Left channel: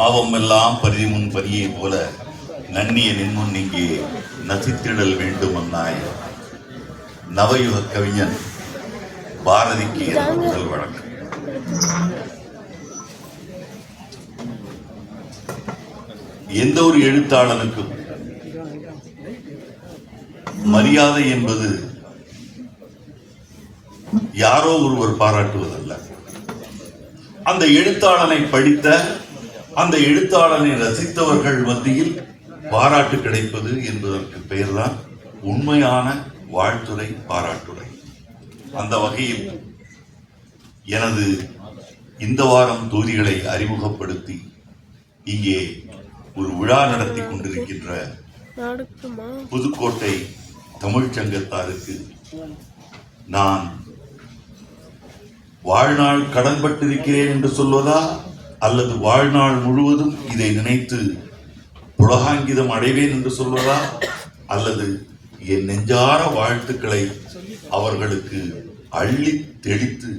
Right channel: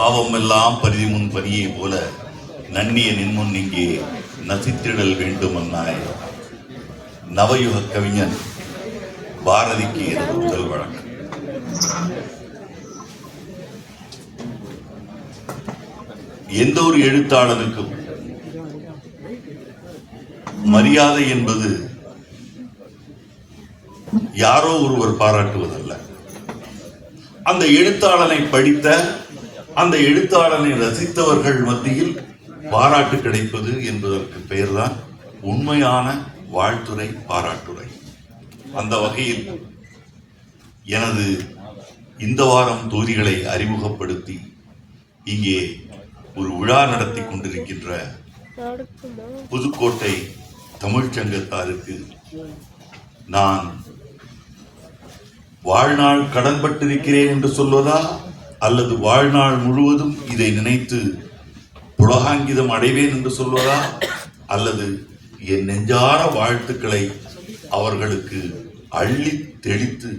பாவம் எல்லாம் பரிதி முன் பனியை போல நன்னிய நின்முன் இங்கே நசித்திடல் வேண்டும் அன்னாய். நவயுக கவிஞன் பாரதிக்கு முதல் வழக்கு. எந்த ஒரு எழுத்தாளனுக்கும் மரியாதை என்பது யாரோ ஒருவர் பாராட்டுவதல்ல, அந்த எழுத்தாளனை படித்த அந்த எழுத்தாளனை ரசித்தவர்கள் மத்தியில் பாராட்டு கிடைப்பது என்பதற்கு பெயர்தான் உண்மையான வாழ்த்துரை, பாராட்டுரை. அந்த வகையில் எனது இந்த வாரம் தொகுதிகளை அறிமுகப்படுத்தி இங்கே ஒரு விழா நடத்தி கொண்டிருக்கின்ற புதுக்கோட்டை தமிழ்ச்சங்கத்தாருக்கு நான் வாழ்நாள் கடன்பட்டிருக்கிறேன் என்று சொல்வதா, அல்லது வாழ்நாள் முழுவதும் இதை நினைத்து புலகாங்கிதம் அடைவேன் என்று சொல்வதா, அல்லது என் நெஞ்சார வாழ்த்துக்களை அவர்களுக்கு அள்ளி தெளித்து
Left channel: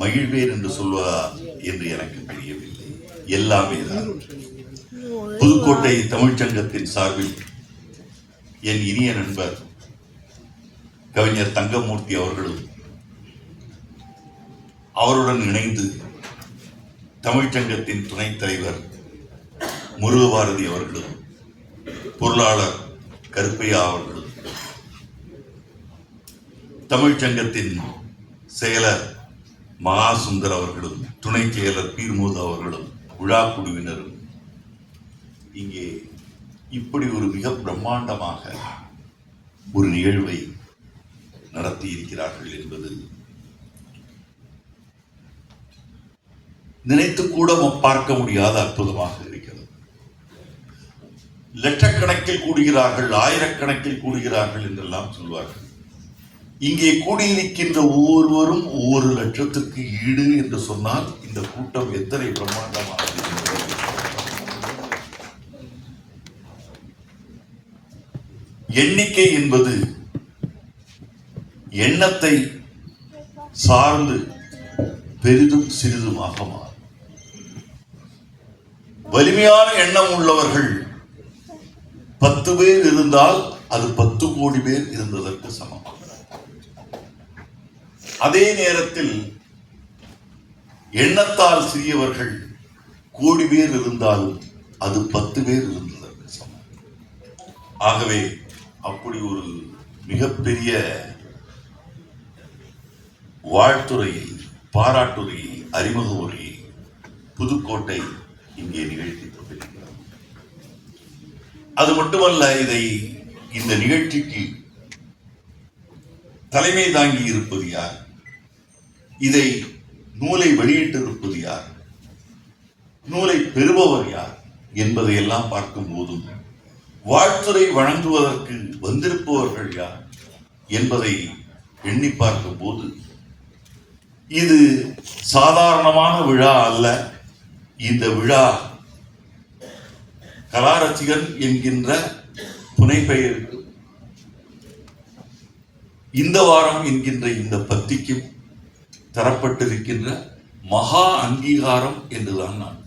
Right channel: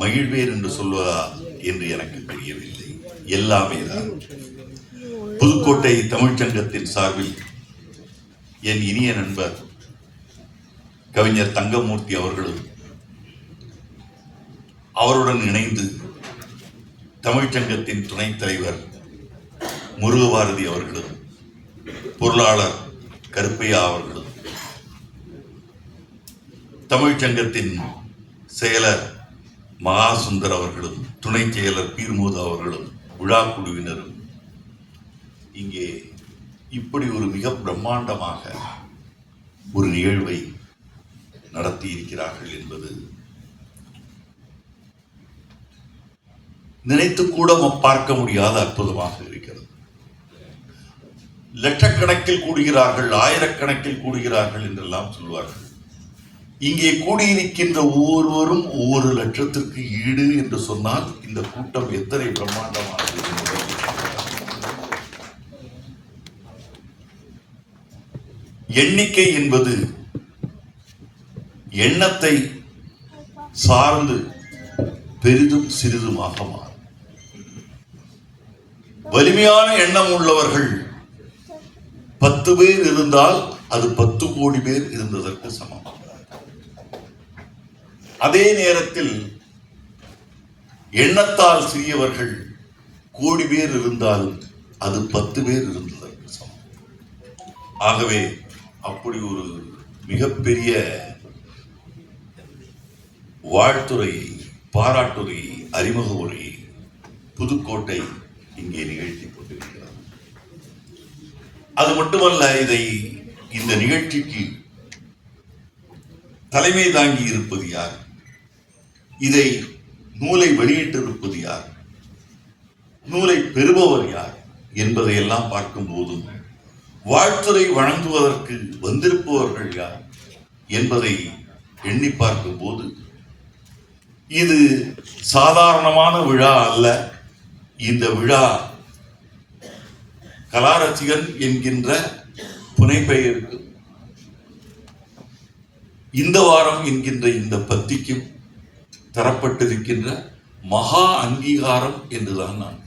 மகிழ்வேன் என்று சொல்வதா என்று எனக்கு தெரியவில்லை. எல்லாமே தான். புதுக்கோட்டை தமிழ்ச்சங்கத்தின் சார்பில் என் இனிய நண்பர் கவிஞர் தங்கமூர்த்தி அவர்களும், அவருடன் இணைந்து தமிழ்ச்சங்கத்தின் துணைத் தலைவர் முருகபாரதி அவர்களும், பொருளாளர் கருப்பையா அவர்களும், தமிழ்ச்சங்கத்தின் செயலர் மகாசுந்தர் அவர்களும், துணை செயலர் பீர்மூத் அவர்களும், விழா குழுவினரும் இங்கே இப்படி ஒரு மிக பிரம்மாண்டமாக ஒரு நிகழ்வை நடத்தி இருக்கிறார்கள் என்பது நினைத்து கூட பார்க்க முடியாத அற்புதமாக இருக்கிறது. லட்சக்கணக்கில் கூடுகிறார்கள், ஆயிரக்கணக்கில் கூடுகிறார்கள் என்றெல்லாம் சொல்வார்கள். இங்கே கூடியிருக்கின்ற ஒவ்வொருவரும் ஒவ்வொரு லட்சத்திற்கு ஈடு என்று சொன்னால் இந்த கூட்டம் எத்தனை பிரம்மாண்டமாக இருக்கிறது. எண்ணிக்கை என்பது எண்ணத்தை சார்ந்து பெரிதும் சிறிதுமாக மாறும். வலிமையான எண்ணம் உள்ளவர்கள் 10 பேர் இருந்தால் அது 10 கோடி பேர் இருந்ததற்கு சமம். அதே நேரத்தில் எண்ணத்தால் சிறியவர்கள் கோடி பேர் இருந்தாலும் அது 10 பேர் இருந்ததற்கு சமம். ஆகவே அப்படி ஒரு மிகப்பெரிய வாழ்த்துறையை, பாராட்டுரையை, அறிமுக உரையை புதுக்கோட்டை இங்கே நிகழ்த்தி கொண்டிருக்கிறது. அது மட்டுமல்ல, இந்த நிகழ்ச்சிக்கு தலைமை தாங்கி இருப்பது யார், இதை நூலை வெளியிட்டிருப்பது யார், நூலை பெறுபவர் யார் என்பதையெல்லாம் பார்க்கும் போதும், வாழ்த்துரை வழங்குவதற்கு வந்திருப்பவர்கள் யார் என்பதை எண்ணி பார்க்கும் போது, இது சாதாரணமான விழா அல்ல. இந்த விழா கலாரசிகன் என்கின்ற புனைப்பெயருக்கு, இந்த வாரம் என்கின்ற இந்த பத்திக்கும் தரப்பட்டிருக்கின்ற மகா அங்கீகாரம் என்றுதான் நான்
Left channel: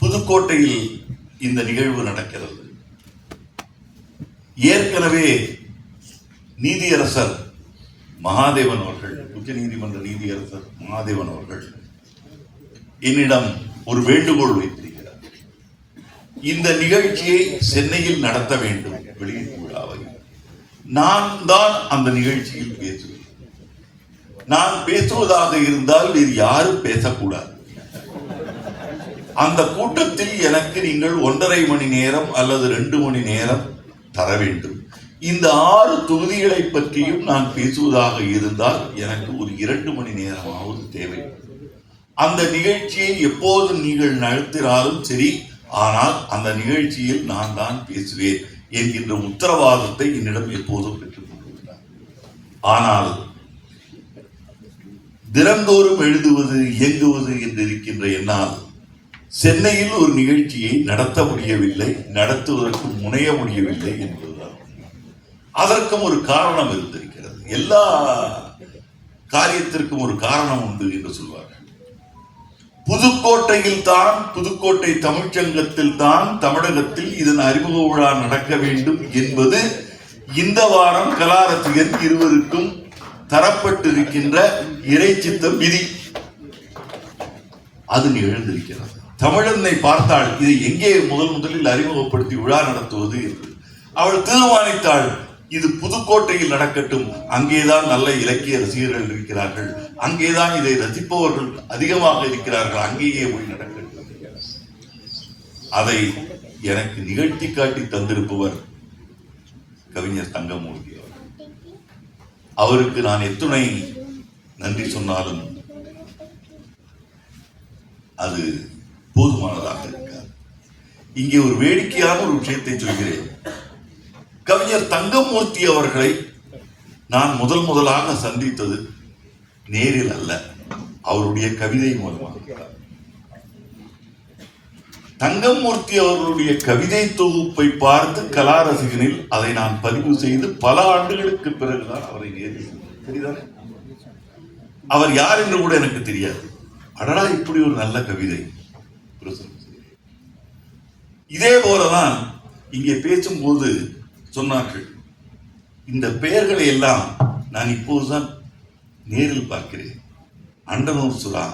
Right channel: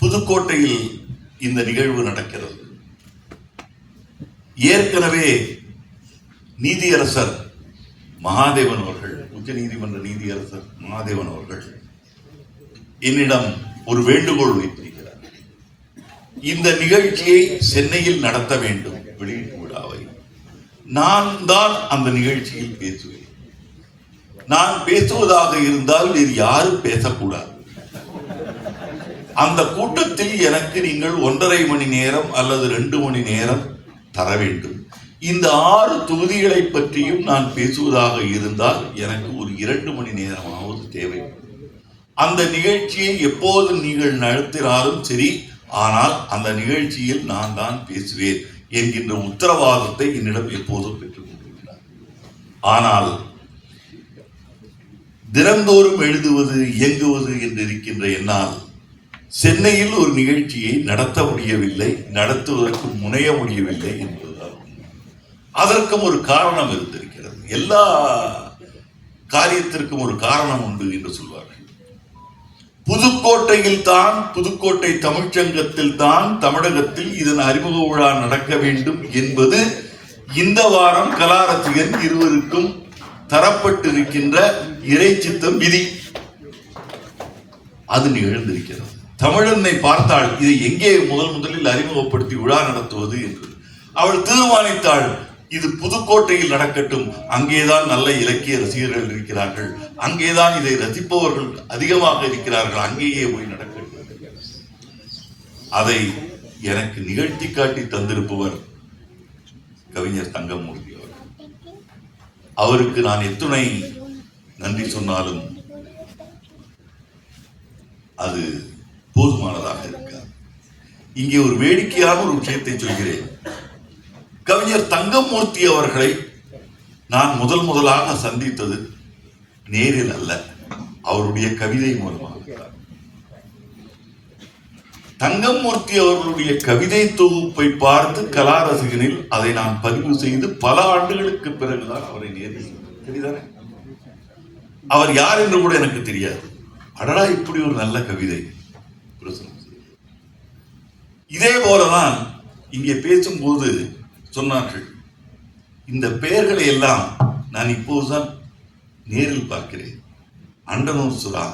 புதுக்கோட்டையில் இந்த நிகழ்வு நடக்கிறது. ஏற்கனவே நீதியரசர் மகாதேவன் அவர்கள், உச்ச நீதிமன்ற நீதியரசர் மகாதேவன் அவர்கள் என்னிடம் ஒரு வேண்டுகோள் வைத்திருக்கிறார். இந்த நிகழ்ச்சியை சென்னையில் நடத்த வேண்டும், வெளியீட்டு விழாவை. நான் தான் அந்த நிகழ்ச்சியில் பேசுவேன். நான் பேசுவதாக இருந்தால் இது யாரும் பேசக்கூடாது. அந்த கூட்டத்தில் எனக்கு நீங்கள் 1.5 மணி நேரம் அல்லது 2 மணி நேரம் தர வேண்டும். இந்த 6 தொகுதிகளை பற்றியும் நான் பேசுவதாக இருந்தால் எனக்கு ஒரு 2 மணி நேரமாவது தேவை. அந்த நிகழ்ச்சியை எப்போது நீங்கள் நடத்தினாலும் சரி, ஆனால் அந்த நிகழ்ச்சியில் நான் தான் பேசுவேன் என்கின்ற உத்தரவாதத்தை என்னிடம் எப்போதும் பெற்றுக் கொண்டிருக்கிறார். ஆனால் தினந்தோறும் எழுதுவது, இயங்குவது என்று இருக்கின்ற என்னால் சென்னையில் ஒரு நிகழ்ச்சியை நடத்த முடியவில்லை, நடத்துவதற்கு முனைய முடியவில்லை என்பதுதான். அதற்கும் ஒரு காரணம் இருந்திருக்கிறது. எல்லா காரியத்திற்கும் ஒரு காரணம் உண்டு என்று சொல்வார்கள். புதுக்கோட்டையில் தான், புதுக்கோட்டை தமிழ்ச்சங்கத்தில் தான் தமிழகத்தில் இதன் அறிமுக விழா நடக்க வேண்டும் என்பது இந்த வாரம் கலாரசிகன் இருவருக்கும் தரப்பட்டிருக்கின்ற இறைச்சித்தம் விதி. அது நிகழ்ந்திருக்கிறது. தமிழனை பார்த்தாள், இதை எங்கே முதலில் அறிமுகப்படுத்தி விழா நடத்துவது என்று அவள் தீர்மானித்தாள். இது புதுக்கோட்டையில் நடக்கட்டும், அங்கேதான் நல்ல இலக்கிய ரசிகர்கள் இருக்கிறார்கள், அங்கேதான் இதை ரசிப்பவர்கள் அதிகமாக இருக்கிறார்கள், அங்கேயே போய் நடக்கட்டும். அதை எனக்கு நிகழ்த்தி காட்டி தந்திருப்பவர் கவிஞர் தங்கமூர்த்தி அவர்கள். அவருக்கு நான் எத்துணை நன்றி சொன்னாலும் அது போதுமானதாக இருக்காது. இங்கே ஒரு வேடிக்கையான ஒரு விஷயத்தை சொல்கிறேன். கவிஞர் தங்கமூர்த்தி அவர்களை நான் முதலாக சந்தித்தது நேரில் அல்ல, அவருடைய கவிதை மூலமாக. தங்கமூர்த்தி அவர்களுடைய கவிதை தொகுப்பை பார்த்து கலாரசிகனில் அதை நான் பதிவு செய்து பல ஆண்டுகளுக்கு பிறகுதான் அவரை நேரில் தெரியுதானே. அவர் யார் என்று கூட எனக்கு தெரியாது. அடடா, இப்படி ஒரு நல்ல கவிதை. இதே போலதான் இங்கே பேசும்போது சொன்னார்கள், இந்த பெயர்களை எல்லாம் நான் இப்போதுதான் நேரில் பார்க்கிறேன். அண்டனூர் சுரா,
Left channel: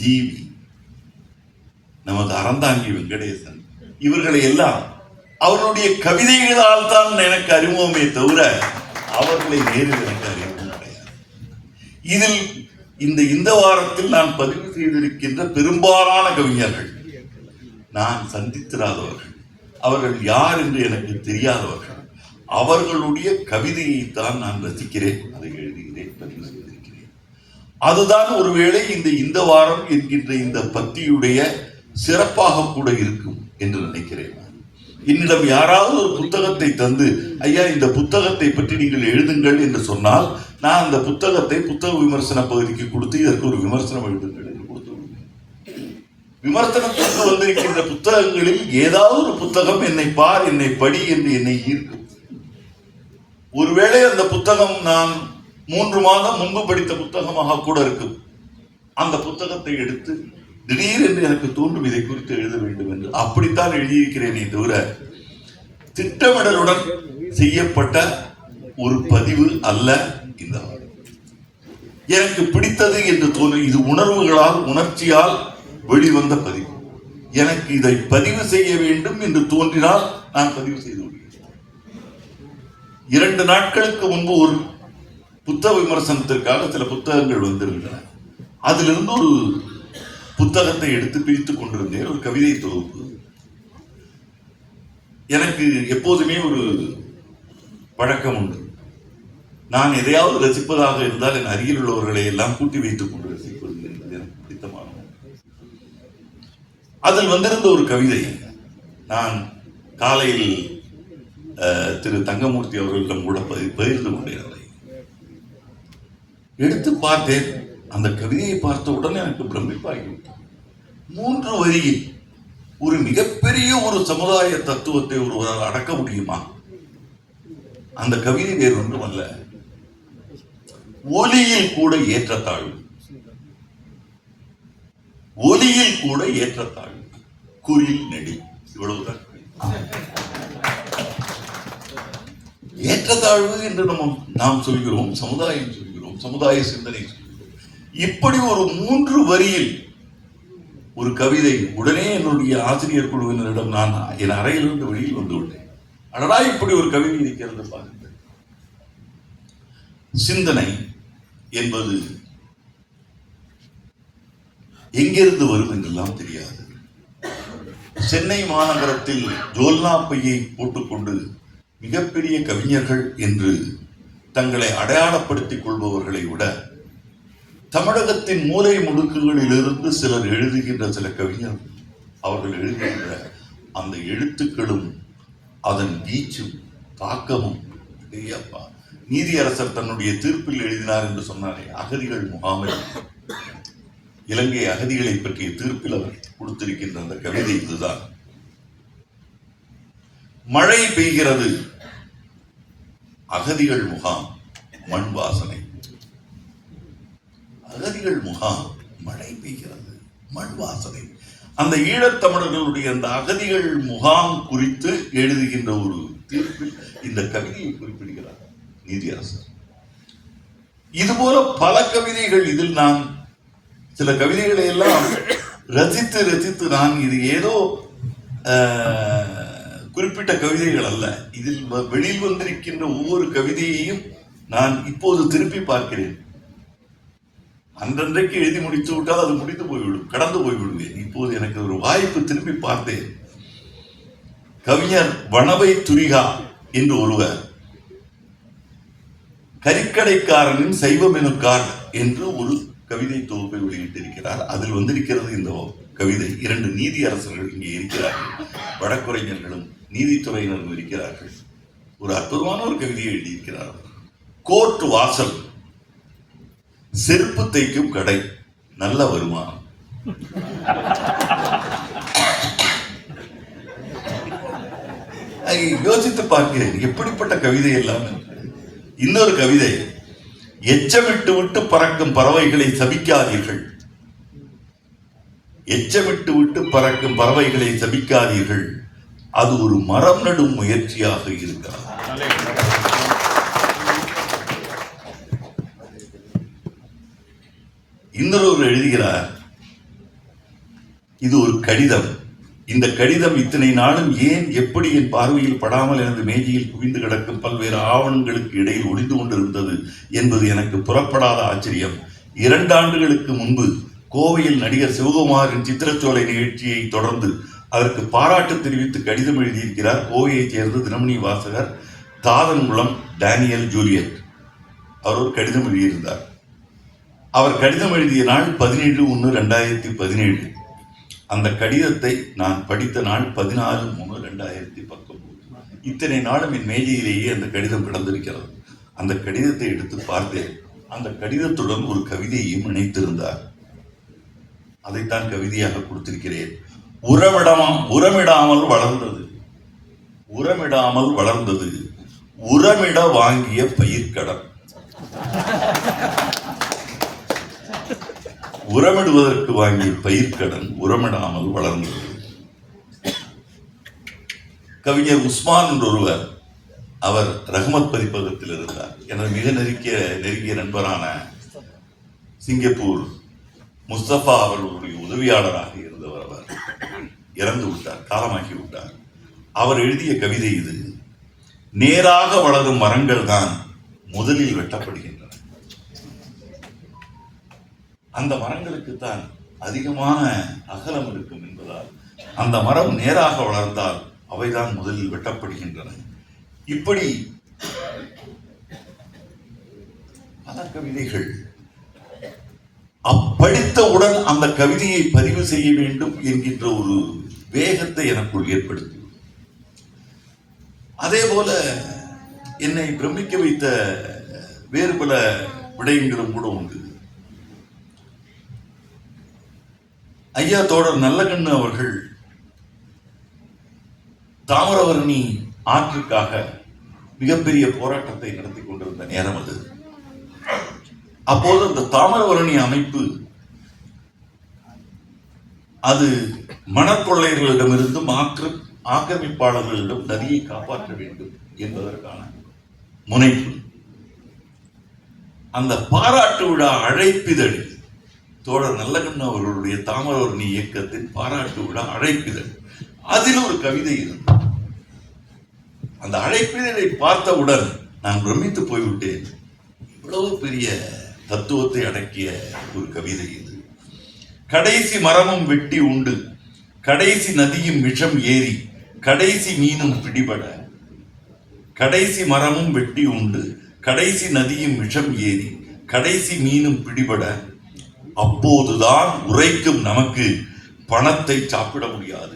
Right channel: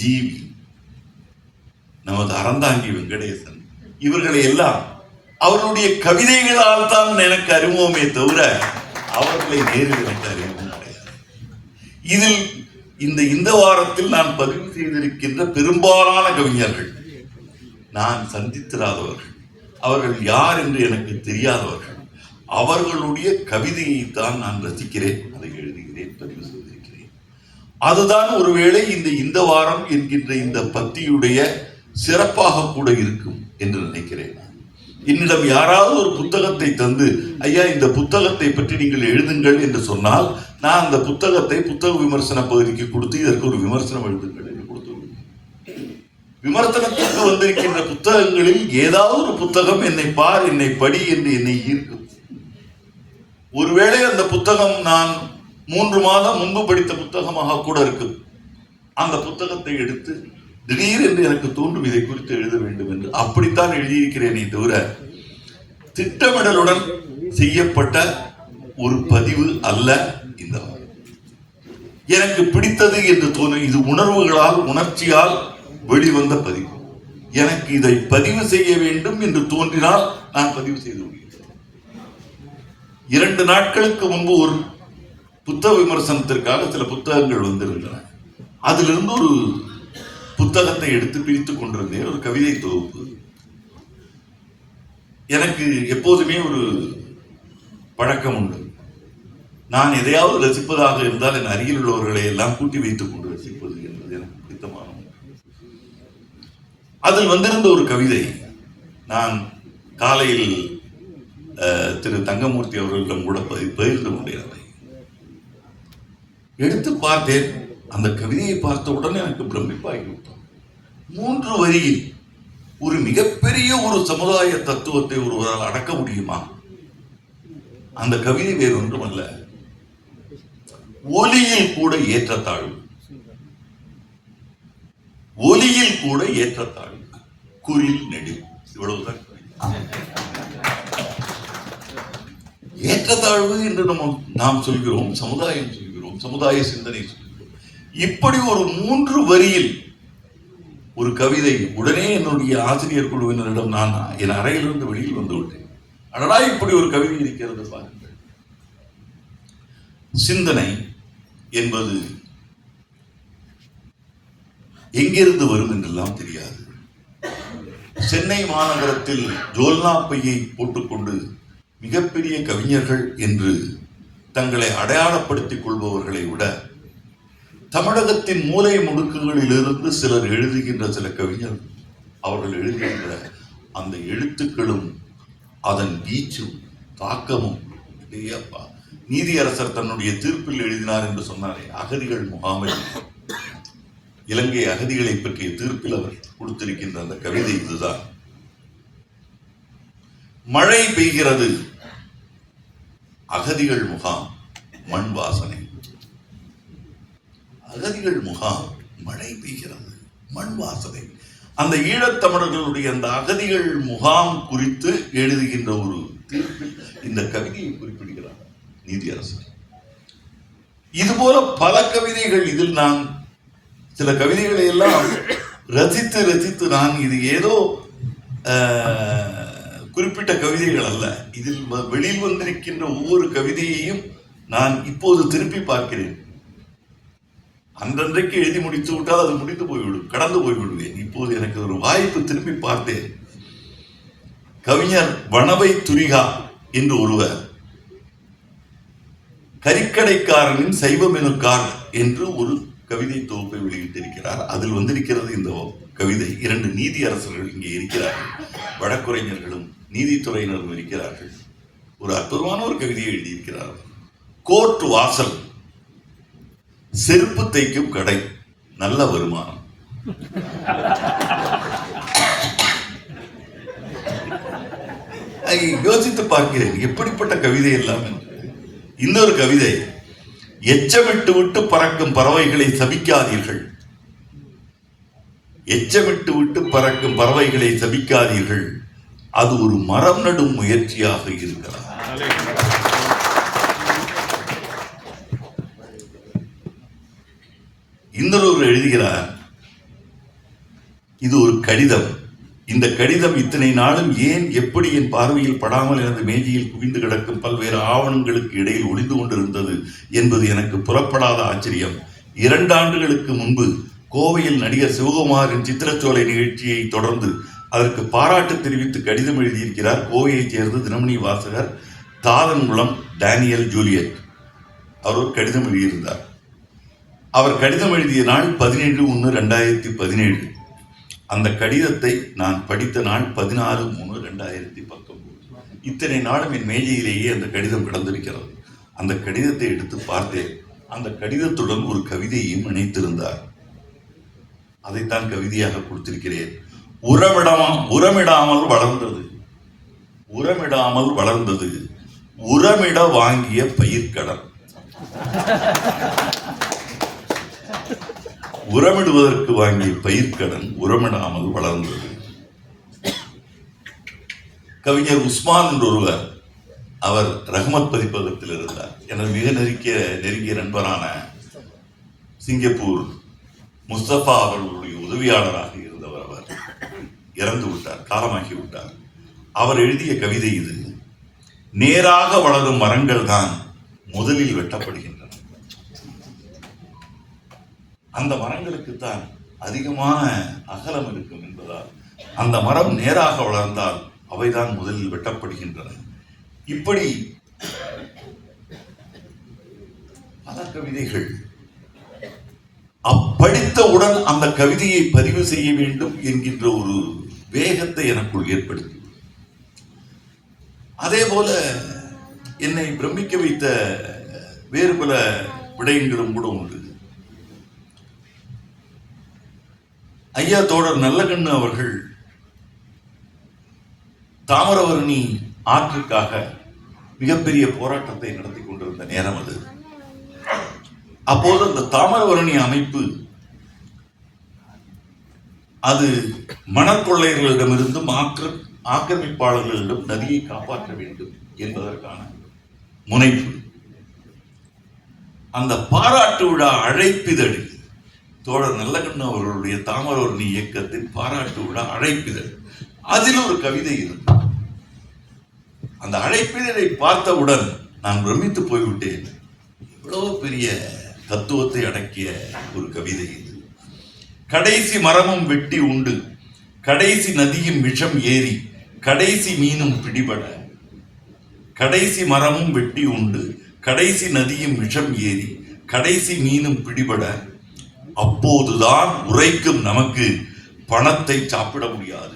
ஜீவி, நமது அறந்தாங்கி வெங்கடேசன், இவர்களை எல்லாம் அவர்களுடைய கவிதைகளால் தான் எனக்கு அறிமுகமே தவிர அவர்களை நேரில் எனக்கு அறிமுகம் கிடையாது. இதில் இந்த வாரத்தில் நான் பதிவு செய்திருக்கின்ற பெரும்பாலான கவிஞர்கள் நான் சந்தித்திராதவர்கள், அவர்கள் யார் என்று எனக்கு தெரியாதவர்கள். அவர்களுடைய கவிதையை தான் நான் ரசிக்கிறேன், அதை எழுதுகிறேன், பதிவு செய்திருக்கிறேன். அதுதான் ஒருவேளை இந்த வாரம் என்கின்ற இந்த பத்தியுடைய சிறப்பாக கூட இருக்கும் என்று நினைக்கிறேன். என்னிடம் யாராவது ஒரு புத்தகத்தை தந்து, ஐயா இந்த புத்தகத்தை பற்றி நீங்கள் எழுதுங்கள் என்று சொன்னால், நான் அந்த புத்தகத்தை புத்தக விமர்சன பகுதிக்கு கொடுத்து இதற்கு ஒரு விமர்சனம் எழுதுங்கள் என்று கொடுத்து விடுவேன். விமர்சனத்திற்கு வந்திருக்கின்ற புத்தகங்களில் ஏதாவது ஒரு புத்தகம் என்னை பார், என்னை படி என்று என்னை ஈர்க்கும். ஒருவேளை அந்த புத்தகம் நான் 3 மாதம் முன்பு படித்த புத்தகமாக கூட இருக்கும். அந்த புத்தகத்தை எடுத்து திடீரென்று எனக்கு தோன்றும் இதை குறித்து எழுத வேண்டும் என்று அப்படித்தான் எழுதியிருக்கிறேனே தவிர திட்டமிடலுடன் செய்யப்பட்ட ஒரு பதிவு அல்ல. இந்த எனக்கு பிடித்தது என்று தோன்றும், இது உணர்வுகளால் உணர்ச்சியால் வெளிவந்த பதிவு. எனக்கு இதை பதிவு செய்ய வேண்டும் என்று தோன்றினால் நான் பதிவு செய்து விடுகிறேன். 2 நாட்களுக்கு முன்பு ஒரு புத்தக விமர்சனத்திற்காக சில புத்தகங்கள் வந்திருந்தன. அதிலிருந்து ஒரு புத்தகத்தை எடுத்து பிரித்துக் கொண்டிருந்தேன், ஒரு கவிதை தொகுப்பு. எனக்கு எப்போதுமே ஒரு பழக்கம் உண்டு. நான் எதையாவது ரசிப்பதாக இருந்தால் என் அருகில் உள்ளவர்களை எல்லாம் கூட்டி வைத்துக் கொண்டு ரசிப்பது என்பது எனக்கு பிடித்தமான. அதில் வந்திருந்த ஒரு கவிதை நான் காலையில் திரு தங்கமூர்த்தி அவர்களிடம் கூட பகிர்ந்து கொண்டேன். எடுத்து பார்த்தேன். அந்த கவிதையை பார்த்த உடனே எனக்கு பிரமிப்பாகிவிட்டது. 3 வரியில் ஒரு மிகப்பெரிய ஒரு சமுதாய தத்துவத்தை ஒருவரால் அடக்க முடியுமா? அந்த கவிதை வேறு ஒன்றுமல்ல, ஒலியில் கூட ஏற்றத்தாழ்வு, ஒலியில் கூட ஏற்றத்தாழ்வு, குரில் நெடி, இவ்வளவுதான். ஏற்றத்தாழ்வு என்று நாம் சொல்கிறோம், சமுதாயம் சொல்கிறோம், சமுதாய சிந்தனை சொல்கிறோம். இப்படி ஒரு 3 வரியில் ஒரு கவிதை. உடனே என்னுடைய ஆசிரியர் குழுவினரிடம் நான் என் அறையிலிருந்து வெளியில் வந்து விட்டேன். அடடா, இப்படி ஒரு கவிதை இருக்கிறது பாருங்கள். சிந்தனை என்பது எங்கிருந்து வரும் என்றெல்லாம் தெரியாது. சென்னை மாநகரத்தில் ஜோல்னா பையை போட்டுக்கொண்டு மிகப்பெரிய கவிஞர்கள் என்று தங்களை அடையாளப்படுத்திக் கொள்பவர்களை விட தமிழகத்தின் மூலை முடுக்குகளிலிருந்து சிலர் எழுதுகின்ற சில கவிஞர்கள், அவர்கள் எழுதுகின்ற அந்த எழுத்துக்களும் அதன் வீச்சும் தாக்கமும். நீதியரசர் தன்னுடைய தீர்ப்பில் எழுதினார் என்று சொன்னாரே, அகதிகள் முகாமில் இலங்கை அகதிகளை பற்றிய தீர்ப்பில் அவர் கொடுத்திருக்கின்ற அந்த கவிதை இதுதான். மழை பெய்கிறது, அகதிகள் முகாம், மண் வாசனை. அகதிகள் முகாம், மழை பெய்கிறது, மண் வாசனை. அந்த ஈழத்தமிழர்களுடைய அந்த அகதிகள் முகாம் குறித்து எழுதுகின்ற ஒரு தீர்ப்பில் இந்த கவிதையை குறிப்பிடுகிறார் நீதியரசர். இதுபோல பல கவிதைகள். இதில் நான் சில கவிதைகளை எல்லாம் ரசித்து ரசித்து நான் இது ஏதோ குறிப்பிட்ட கவிதைகள் அல்ல, இதில் வெளியில் வந்திருக்கின்ற ஒவ்வொரு கவிதையையும் நான் இப்போது திருப்பி பார்க்கிறேன். அன்றன்றைக்கு எழுதி முடித்து விட்டால் அது முடிந்து போய்விடும், கடந்து போய்விடுவேன். இப்போது எனக்கு ஒரு வாய்ப்பு, திருப்பி பார்த்தேன். கவிஞர் வனவை துரிகா என்று ஒருவர் கறிக்கடைக்காரனின் சைவ மெனுக்கார் என்று ஒரு கவிதை தொகுப்பை வெளியிட்டிருக்கிறார். அதில் வந்திருக்கிறது இந்த கவிதை. 2 நீதியரசர்கள் இங்கே இருக்கிறார்கள், வழக்குரைஞர்களும் நீதித்துறையினரும் இருக்கிறார்கள். ஒரு அற்புதமான ஒரு கவிதையை எழுதியிருக்கிறார். கோர்ட் வாசல், செருப்பு தைக்கும் கடை, நல்ல வருமானம். யோசித்து பார்க்கிறேன் எப்படிப்பட்ட கவிதை எல்லாம். இன்னொரு கவிதை, எச்சமிட்டு விட்டு பறக்கும் பறவைகளை சபிக்காதீர்கள், எச்சமிட்டு விட்டு பறக்கும் பறவைகளை சபிக்காதீர்கள், அது ஒரு மரம் நடும் முயற்சியாக இருக்கிறது. இன்னொரு எழுதுகிறார், இது ஒரு கடிதம், இந்த கடிதம் இத்தனை நாளும் ஏன் எப்படி என் பார்வையில் படாமல் எனது மேஜையில் குவிந்து கிடக்கும் பல்வேறு ஆவணங்களுக்கு இடையில் ஒளிந்து கொண்டிருந்தது என்பது எனக்கு புறப்படாத ஆச்சரியம். 2 ஆண்டுகளுக்கு முன்பு கோவையில் நடிகர் சிவகுமாரின் சித்திரச்சோலை நிகழ்ச்சியை தொடர்ந்து அதற்கு பாராட்டு தெரிவித்து கடிதம் எழுதியிருக்கிறார் கோவையைச் சேர்ந்த தினமணி வாசகர் தாதன்குளம் டேனியல் ஜூலியட். அவர் ஒரு கடிதம் எழுதியிருந்தார். அவர் கடிதம் எழுதிய நாள் 17/1/2017. அந்த கடிதத்தை நான் படித்த நாள் 14/3/2019. இத்தனை நாளும் என் மேஜையிலேயே அந்த கடிதம் கிடந்திருக்கிறது. அந்த கடிதத்தை எடுத்து பார்த்தேன். அந்த கடிதத்துடன் ஒரு கவிதையையும் இணைத்திருந்தார். அதைத்தான் கவிதையாக கொடுத்திருக்கிறேன். உரமிடாமல் வளர்ந்தது, உரமிடாமல் வளர்ந்தது, உரமிட வாங்கிய பயிர்க்கடன். உரமிடுவதற்கு வாங்கிய பயிர்க்கடன் உரமிடாமல் வளர்ந்தது. கவிஞர் உஸ்மான் என்று ஒருவர், அவர் ரஹ்மத் பதிப்பகத்தில் இருந்தார். எனது மிக நெருங்கிய நண்பரான சிங்கப்பூர் முஸ்தபா அவர்களுடைய உதவியாளராக இருந்தவர். அவர் இறந்து விட்டார், காலமாகி விட்டார். அவர் எழுதிய கவிதை இது. நேராக வளரும் மரங்கள் தான் முதலில் வெட்டப்படுகின்றன. அந்த மரங்களுக்குத்தான் அதிகமான அகலம் இருக்கும் என்பதால் அந்த மரம் நேராக வளர்ந்தால் அவைதான் முதலில் வெட்டப்படுகின்றன. இப்படி பல கவிதைகள். படித்தவுடன் அந்த கவிதையை பதிவு செய்ய வேண்டும் என்கின்ற ஒரு வேகத்தை எனக்குள் ஏற்படுத்தி, அதே போல என்னை பிரமிக்க வைத்த வேறு பல விடயங்களும் கூட உண்டு. ஐயா தோழர் நல்லகண்ணு அவர்கள் தாமிரபரணி ஆற்றுக்காக மிகப்பெரிய போராட்டத்தை நடத்தி கொண்டிருந்த நேரம் அது. அப்போது அந்த தாமிரபரணி அமைப்பு அது மணற்கொள்ளையர்களிடமிருந்தும் ஆக்கிரமிப்பாளர்களிடம் நதியை காப்பாற்ற வேண்டும் என்பதற்கான முனைப்பு. அந்த பாராட்டு விழா அழைப்பிதழ், தோழர் நல்லகண்ணு அவர்களுடைய தாமிரபரணி இயக்கத்தின் பாராட்டு விழா அழைப்பிதழ், அதில் ஒரு கவிதை இருந்தது. அந்த அழைப்பிதழை பார்த்தவுடன் நான் பிரமித்து போய்விட்டேன். இவ்வளவு பெரிய தத்துவத்தை அடக்கிய ஒரு கவிதை இது. கடைசி மரமும் வெட்டி உண்டு, கடைசி நதியும் விஷம் ஏறி, கடைசி மீனும் பிடிபட. கடைசி மரமும் வெட்டி உண்டு, கடைசி நதியும் விஷம் ஏறி, கடைசி மீனும் பிடிபட. அப்போதுதான் உரைக்கும் நமக்கு பணத்தை சாப்பிட முடியாது.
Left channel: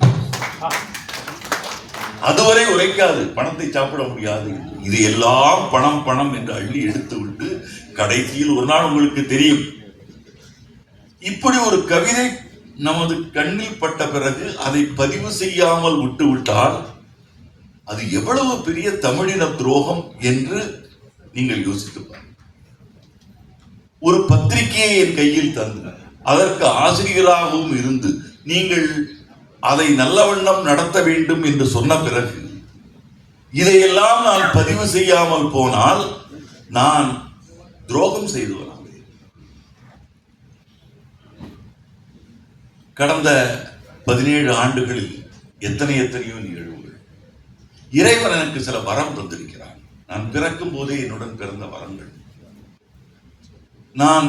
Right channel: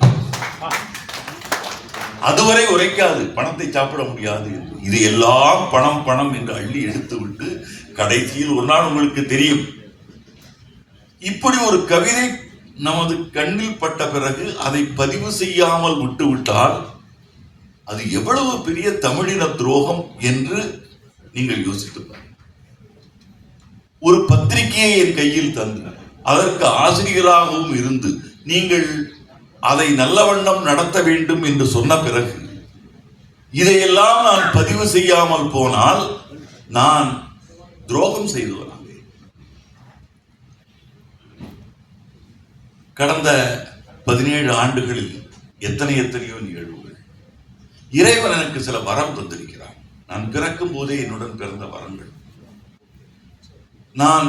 அதுவரை உரைக்காது, பணத்தை சாப்பிட முடியாது. இது எல்லாம் பணம் பணம் என்று அள்ளி எடுத்து விட்டு கடைசியில் ஒரு நாள் உங்களுக்கு தெரியும். இப்படி ஒரு கவிதை நமது கண்ணில் பட்ட பிறகு அதை பதிவு செய்யாமல் விட்டுவிட்டால் அது எவ்வளவு பெரிய தமிழின துரோகம் என்று நீங்கள் யோசித்து பாருங்கள். ஒரு பத்திரிகையை என் கையில் தந்து அதற்கு ஆசிரியராகவும் இருந்து நீங்கள் அதை நல்ல வண்ணம் நடத்த வேண்டும் என்று சொன்ன பிறகு இதையெல்லாம் நான் பதிவு செய்யாமல் போனால் நான் துரோகம் செய்தவனாக. கடந்த 17 ஆண்டுகளில் எத்தனையோ நிகழ்வுகள். இறைவன் எனக்கு சில வரம் தந்திருக்கிறான். நான் பிறக்கும் போதே என்னுடன் பிறந்த வரங்கள். நான்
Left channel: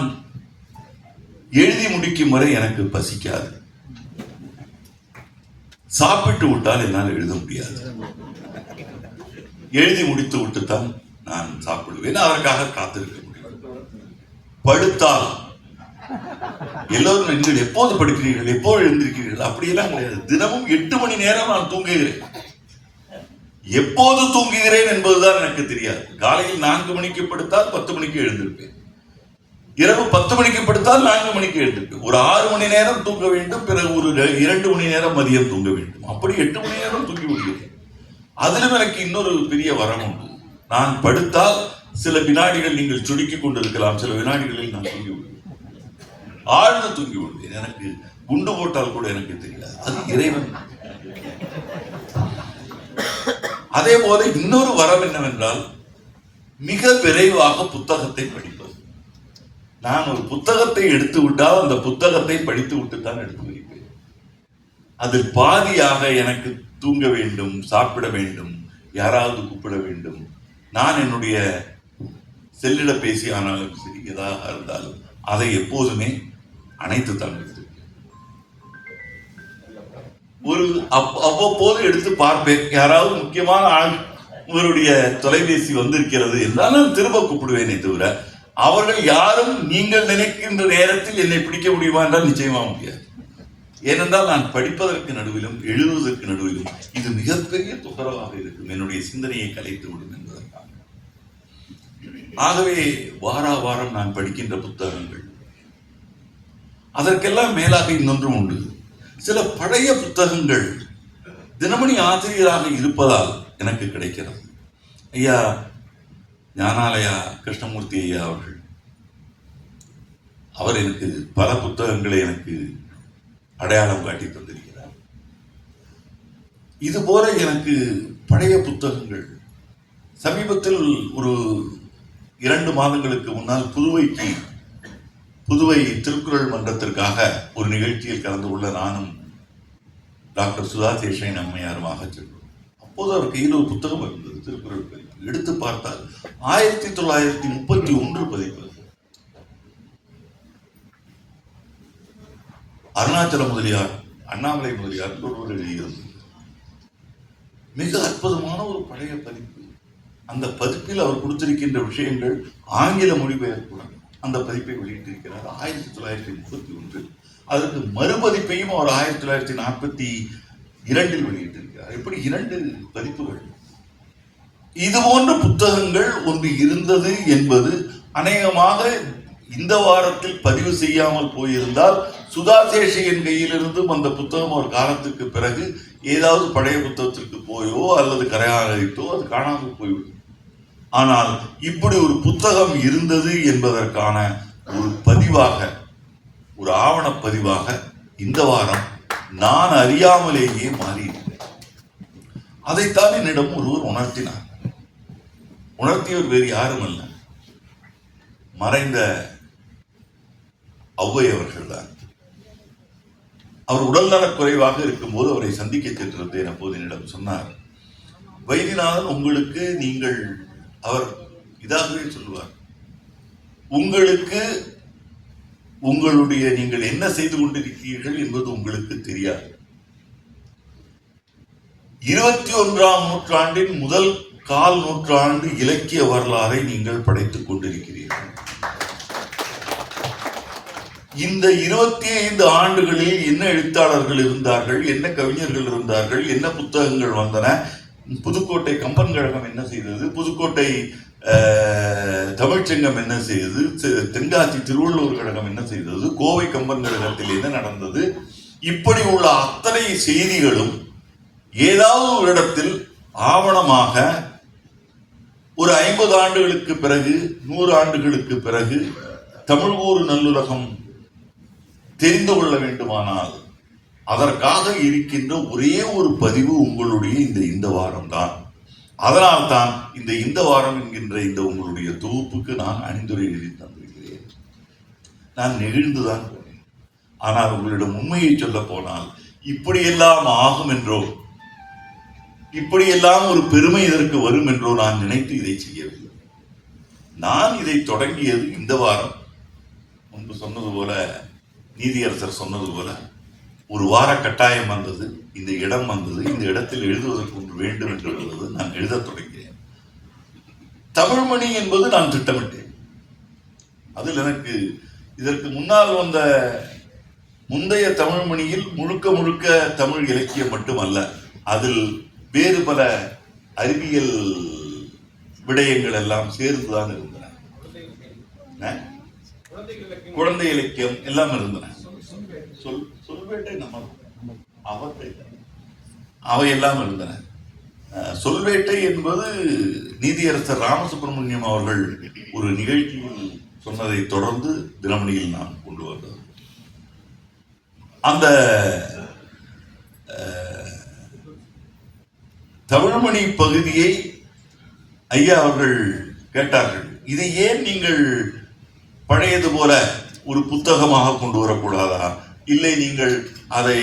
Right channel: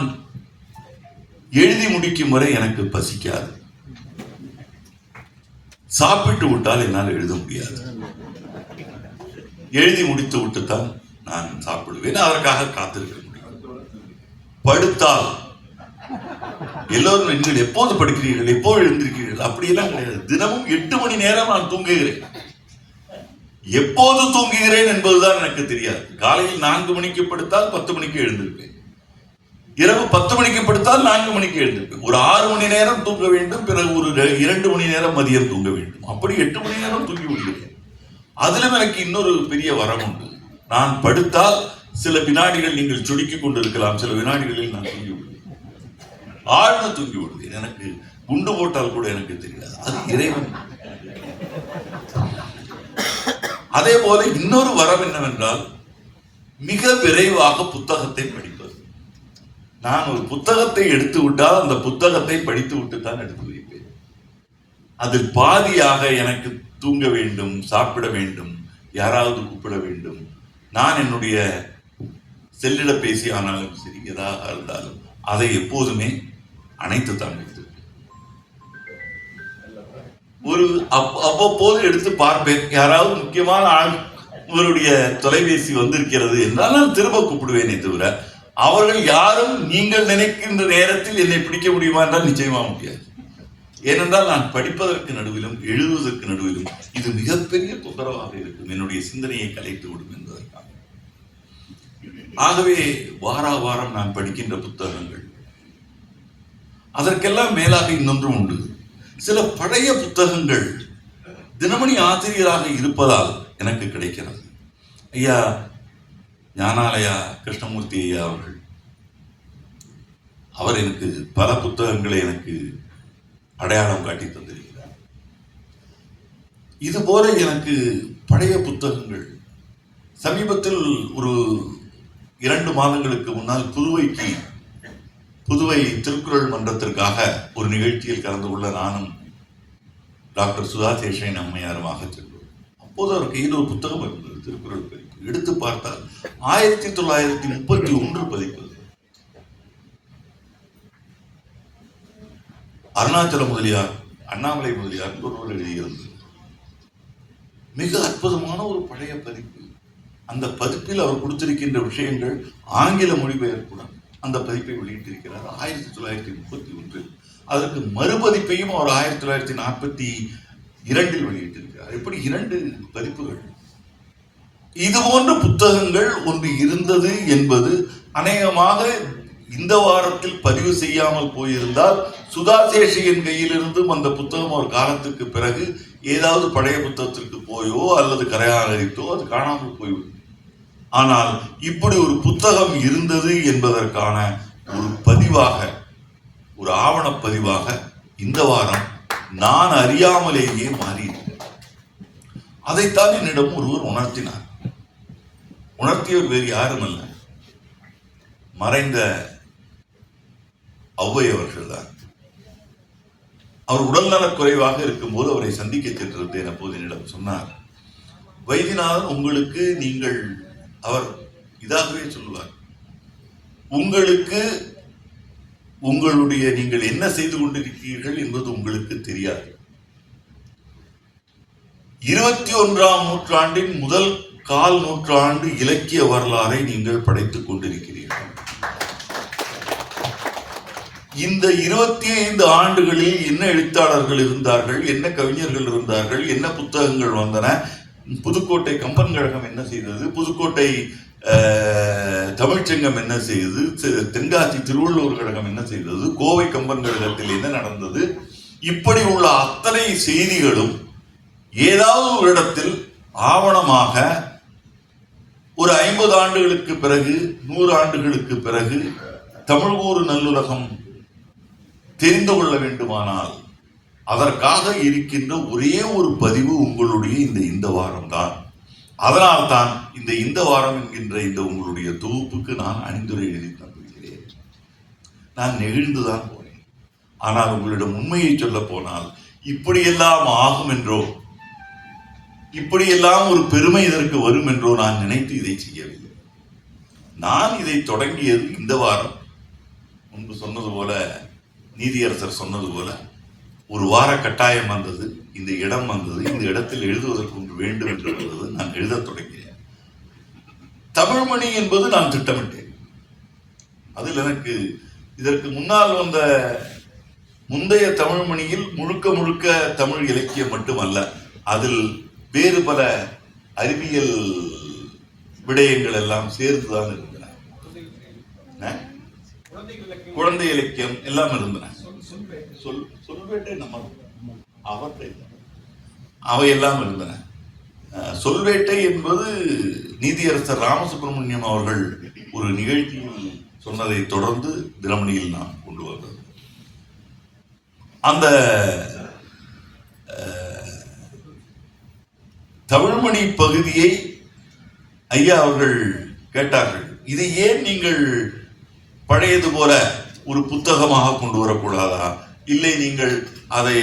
எழுதி முடிக்கும் வரை எனக்கு பசிக்காது. சாப்பிட்டு விட்டால் என்னால் எழுத முடியாது. எழுதி முடித்து விட்டுத்தான் நான் சாப்பிடுவேன். அதற்காக காத்திருக்க முடியும். படுத்தால் எல்லோரும் நீங்கள் எப்போது படுக்கிறீர்கள், எப்போது எழுந்திருக்கிறீர்கள் அப்படியெல்லாம் கிடையாது. தினமும் 8 மணி நேரம் நான் தூங்குகிறேன். எப்போது தூங்குகிறேன் என்பதுதான் எனக்கு தெரியாது. காலையில் 4 மணிக்கு படுத்தால் 10 மணிக்கு எழுந்திருப்பேன். இரவு 10 மணிக்கு படுத்தால் 4 மணிக்கு எழுந்திருப்பேன். ஒரு 6 மணி நேரம் தூங்க வேண்டும். பிறகு ஒரு 2 மணி நேரம் மதியம் தூங்க வேண்டும். அப்படி 8 மணி நேரம் தூங்கி விடுகிறேன். அதிலும் எனக்கு இன்னொரு பெரிய வரம் உண்டு. நான் படுத்தால் சில வினாடிகள் நீங்கள் சுடுக்கிக் கொண்டிருக்கலாம், சில வினாடிகளில் நான் தூங்கி விடுவேன். ஆழ்ந்து தூங்கி விடுவேன். எனக்கு குண்டு போட்டால் கூட எனக்கு தெரியாது. அது இறைவன். அதே போல இன்னொரு வரம் என்னவென்றால் மிக விரைவாக புத்தகத்தை படிப்பது. நான் ஒரு புத்தகத்தை எடுத்து விட்டால் அந்த புத்தகத்தை படித்து விட்டு தான் எடுத்து வைப்பேன். அதில் பாதியாக எனக்கு தூங்க வேண்டும், சாப்பிட வேண்டும், யாராவது கூப்பிட வேண்டும். நான் என்னுடைய செல்லிட பேசி ஆனாலும் சரி, எதாக இருந்தாலும் அதை எப்போதுமே அணைத்து தான் வைத்திருப்பேன். ஒரு அவ்வப்போது எடுத்து பார்ப்பேன். யாராவது முக்கியமான ஆள் இவருடைய தொலைபேசி வந்திருக்கிறது என்றால் நான் திரும்ப கூப்பிடுவேனே தவிர அவர்கள் யாரும் நீங்கள் நினைக்கின்ற நேரத்தில் என்னை பிடிக்க முடியுமா என்றால் நிச்சயமா முடியாது. ஏனென்றால் நான் படிப்பதற்கு நடுவிலும் எழுதுவதற்கு நடுவிலும் இது மிகப்பெரிய தொந்தரவாக இருக்கும். என்னுடைய சிந்தனையை கலைத்து விடும் என்பதற்காக. ஆகவே வாரம் நான் படிக்கின்ற புத்தகங்கள். அதற்கெல்லாம் மேலாக இன்னொன்றும் உண்டு. சில பழைய புத்தகங்கள் தினமணி ஆசிரியராக இருப்பதால் எனக்கு கிடைக்கிறது. ஐயா ஞானாலயா கிருஷ்ணமூர்த்தி ஐயா அவர்கள், அவர் எனக்கு பல புத்தகங்களை எனக்கு அடையாளம் காட்டி தந்திருக்கிறார். இது போல எனக்கு பழைய புத்தகங்கள். சமீபத்தில் ஒரு 2 மாதங்களுக்கு முன்னால் புதுவை திருக்குறள் மன்றத்திற்காக ஒரு நிகழ்ச்சியில் கலந்து கொள்ள நானும் டாக்டர் சுதா சேஷன் அம்மையாருமாக சென்றோம். அப்போது அவர் கையில் ஒரு புத்தகம் இருந்தது, திருக்குறள் பதிப்பு. எடுத்து பார்த்தால் 1931 பதிப்பு. அருணாச்சல முதலியார், அண்ணாமலை முதலியார் ஒருவர் எழுதியிருந்தது. மிக அற்புதமான ஒரு பழைய பதிப்பு. அந்த பதிப்பில் அவர் கொடுத்திருக்கின்ற விஷயங்கள் ஆங்கில மொழிபெயர்ப்புடன் அந்த பதிப்பை வெளியிட்டிருக்கிறார் 1931. அதற்கு மறுபதிப்பையும் அவர் 1942 வெளியிட்டிருக்கிறார். இப்படி 2 பதிப்புகள். இது போன்ற புத்தகங்கள் ஒன்று இருந்தது என்பது அநேகமாக இந்த வாரத்தில் பதிவு செய்யாமல் போயிருந்தால் சுதாசேஷியின் கையிலிருந்தும் அந்த புத்தகம் ஒரு காலத்துக்கு பிறகு ஏதாவது பழைய புத்தகத்திற்கு போயோ அல்லது கரையாகத்தோ அது காணாமல் போய்விடும். ஆனால் இப்படி ஒரு புத்தகம் இருந்தது என்பதற்கான ஒரு பதிவாக, ஒரு ஆவணப்பதிவாக இந்த வாரம் நான் அறியாமலேயே மாறியிருக்கிறேன். அதைத்தான் என்னிடம் ஒருவர் உணர்த்தினார். உணர்த்தியவர் வேறு யாரும் அல்ல, மறைந்த ஔவை அவர்கள் தான். அவர் உடல்நலக் குறைவாக இருக்கும்போது அவரை சந்திக்க சென்றிருந்தேன். அப்போது என்னிடம் சொன்னார், வைத்தியநாதன், உங்களுக்கு அவர் இதாகவே சொல்லுவார், உங்களுக்கு நீங்கள் என்ன செய்து கொண்டிருக்கிறீர்கள் என்பது உங்களுக்கு தெரியாது. 21ஆம் நூற்றாண்டின் முதல் 1/4 நூற்றாண்டு இலக்கிய வரலாறை நீங்கள் படைத்துக் கொண்டிருக்கிறீர்கள். இந்த 25 ஆண்டுகளில் என்ன எழுத்தாளர்கள் இருந்தார்கள், என்ன கவிஞர்கள் இருந்தார்கள், என்ன புத்தகங்கள் வந்தன, புதுக்கோட்டை கம்பன் கழகம் என்ன செய்தது, புதுக்கோட்டை தமிழ்ச்சங்கம் என்ன செய்தது, தென்காசி திருவள்ளுவர் கழகம் என்ன செய்தது, கோவை கம்பன் கழகத்தில் என்ன நடந்தது, இப்படி உள்ள அத்தனை செய்திகளும் ஏதாவது ஒரு இடத்தில் ஆவணமாக ஒரு 50 ஆண்டுகளுக்கு பிறகு 100 ஆண்டுகளுக்கு பிறகு தமிழ் ஒரு நல்லுலகம் தெரிந்து கொள்ள வேண்டுமானால் அதற்காக இருக்கின்ற ஒரே ஒரு பதிவு உங்களுடைய இந்த வாரம்தான். அதனால்தான் இந்த வாரம் என்கின்ற இந்த உங்களுடைய தொகுப்புக்கு நான் அணிந்துரை எழுதி தந்திருக்கிறேன். நான் நெகிழ்ந்துதான் போனேன். ஆனால் உங்களிடம் உண்மையை சொல்ல போனால் இப்படியெல்லாம் ஆகும் என்றோ, இப்படியெல்லாம் ஒரு பெருமை இதற்கு வரும் என்றோ நான் நினைத்து இதை செய்யவில்லை. நான் இதை தொடங்கியது இந்த வாரம். முன்பு சொன்னது போல, நீதியரசர் சொன்னது போல, ஒரு வார கட்டாயம் வந்தது, இந்த இடம் வந்தது, இந்த இடத்தில் எழுதுவதற்கு ஒன்று வேண்டும் என்று இருந்தது. நான் எழுதத் தொடங்கினேன். தமிழ்மணி என்பது நான் திட்டமிட்டேன். அதில் எனக்கு இதற்கு முன்னால் வந்த முந்தைய தமிழ்மணியில் முழுக்க முழுக்க தமிழ் இலக்கியம் மட்டுமல்ல, அதில் வேறு பல அறிவியல் விடயங்கள் எல்லாம் சேர்ந்துதான் இருந்தன. குழந்தை இலக்கியம் எல்லாம் இருந்தன. சொல்வேட்டை அவையெல்லாம் இருந்தன. சொல்வேட்டை என்பது நீதியரசர் ராமசுப்பிரமணியம் அவர்கள் ஒரு நிகழ்ச்சியில் சொன்னதை தொடர்ந்து தினமணியில் நான் கொண்டு வந்தது. அந்த தமிழ்மணி பகுதியை ஐயா அவர்கள் கேட்டார்கள், இதை ஏன் நீங்கள் பழையது போல ஒரு புத்தகமாக கொண்டு வரக்கூடாதா, இல்லை நீங்கள் அதை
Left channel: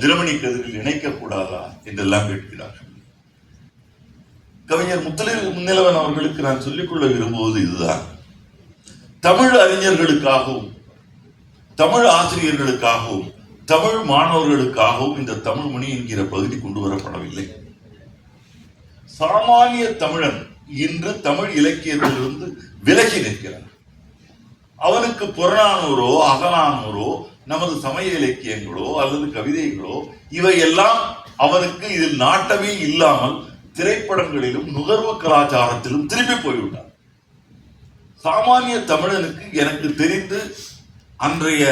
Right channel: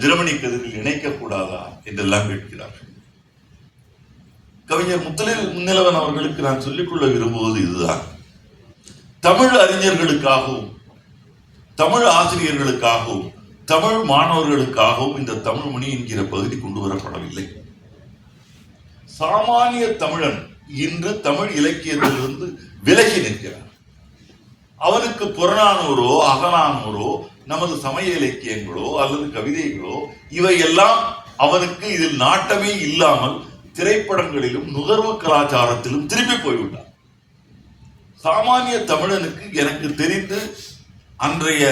தினமணி கதிரில் இணைக்கக்கூடாதா என்றெல்லாம் கேட்கிறார்கள். கவிஞர் முத்தமிழ் அவர்களுக்கு நான் சொல்லிக்கொள்ள விரும்புவது இதுதான். தமிழ் அறிஞர்களுக்காகவும், தமிழ் ஆசிரியர்களுக்காகவும், தமிழ் மாணவர்களுக்காகவும் இந்த தமிழ்மணி என்கிற பகுதி கொண்டு வரப்படவில்லை. சாமானிய தமிழன் இன்று தமிழ் இலக்கியத்திலிருந்து விலகி நிற்கிறார். அவனுக்கு புறநானூரோ அகநானூரோ நமது சமய இலக்கியங்களோ அல்லது கவிதைகளோ இவையெல்லாம் அவனுக்கு இதில் நாட்டமே இல்லாமல் திரைப்படங்களிலும் நுகர்வு கலாச்சாரத்திலும் திருப்பி போய்விட்டார். சாமானிய தமிழனுக்கு எனக்கு தெரிந்து அன்றைய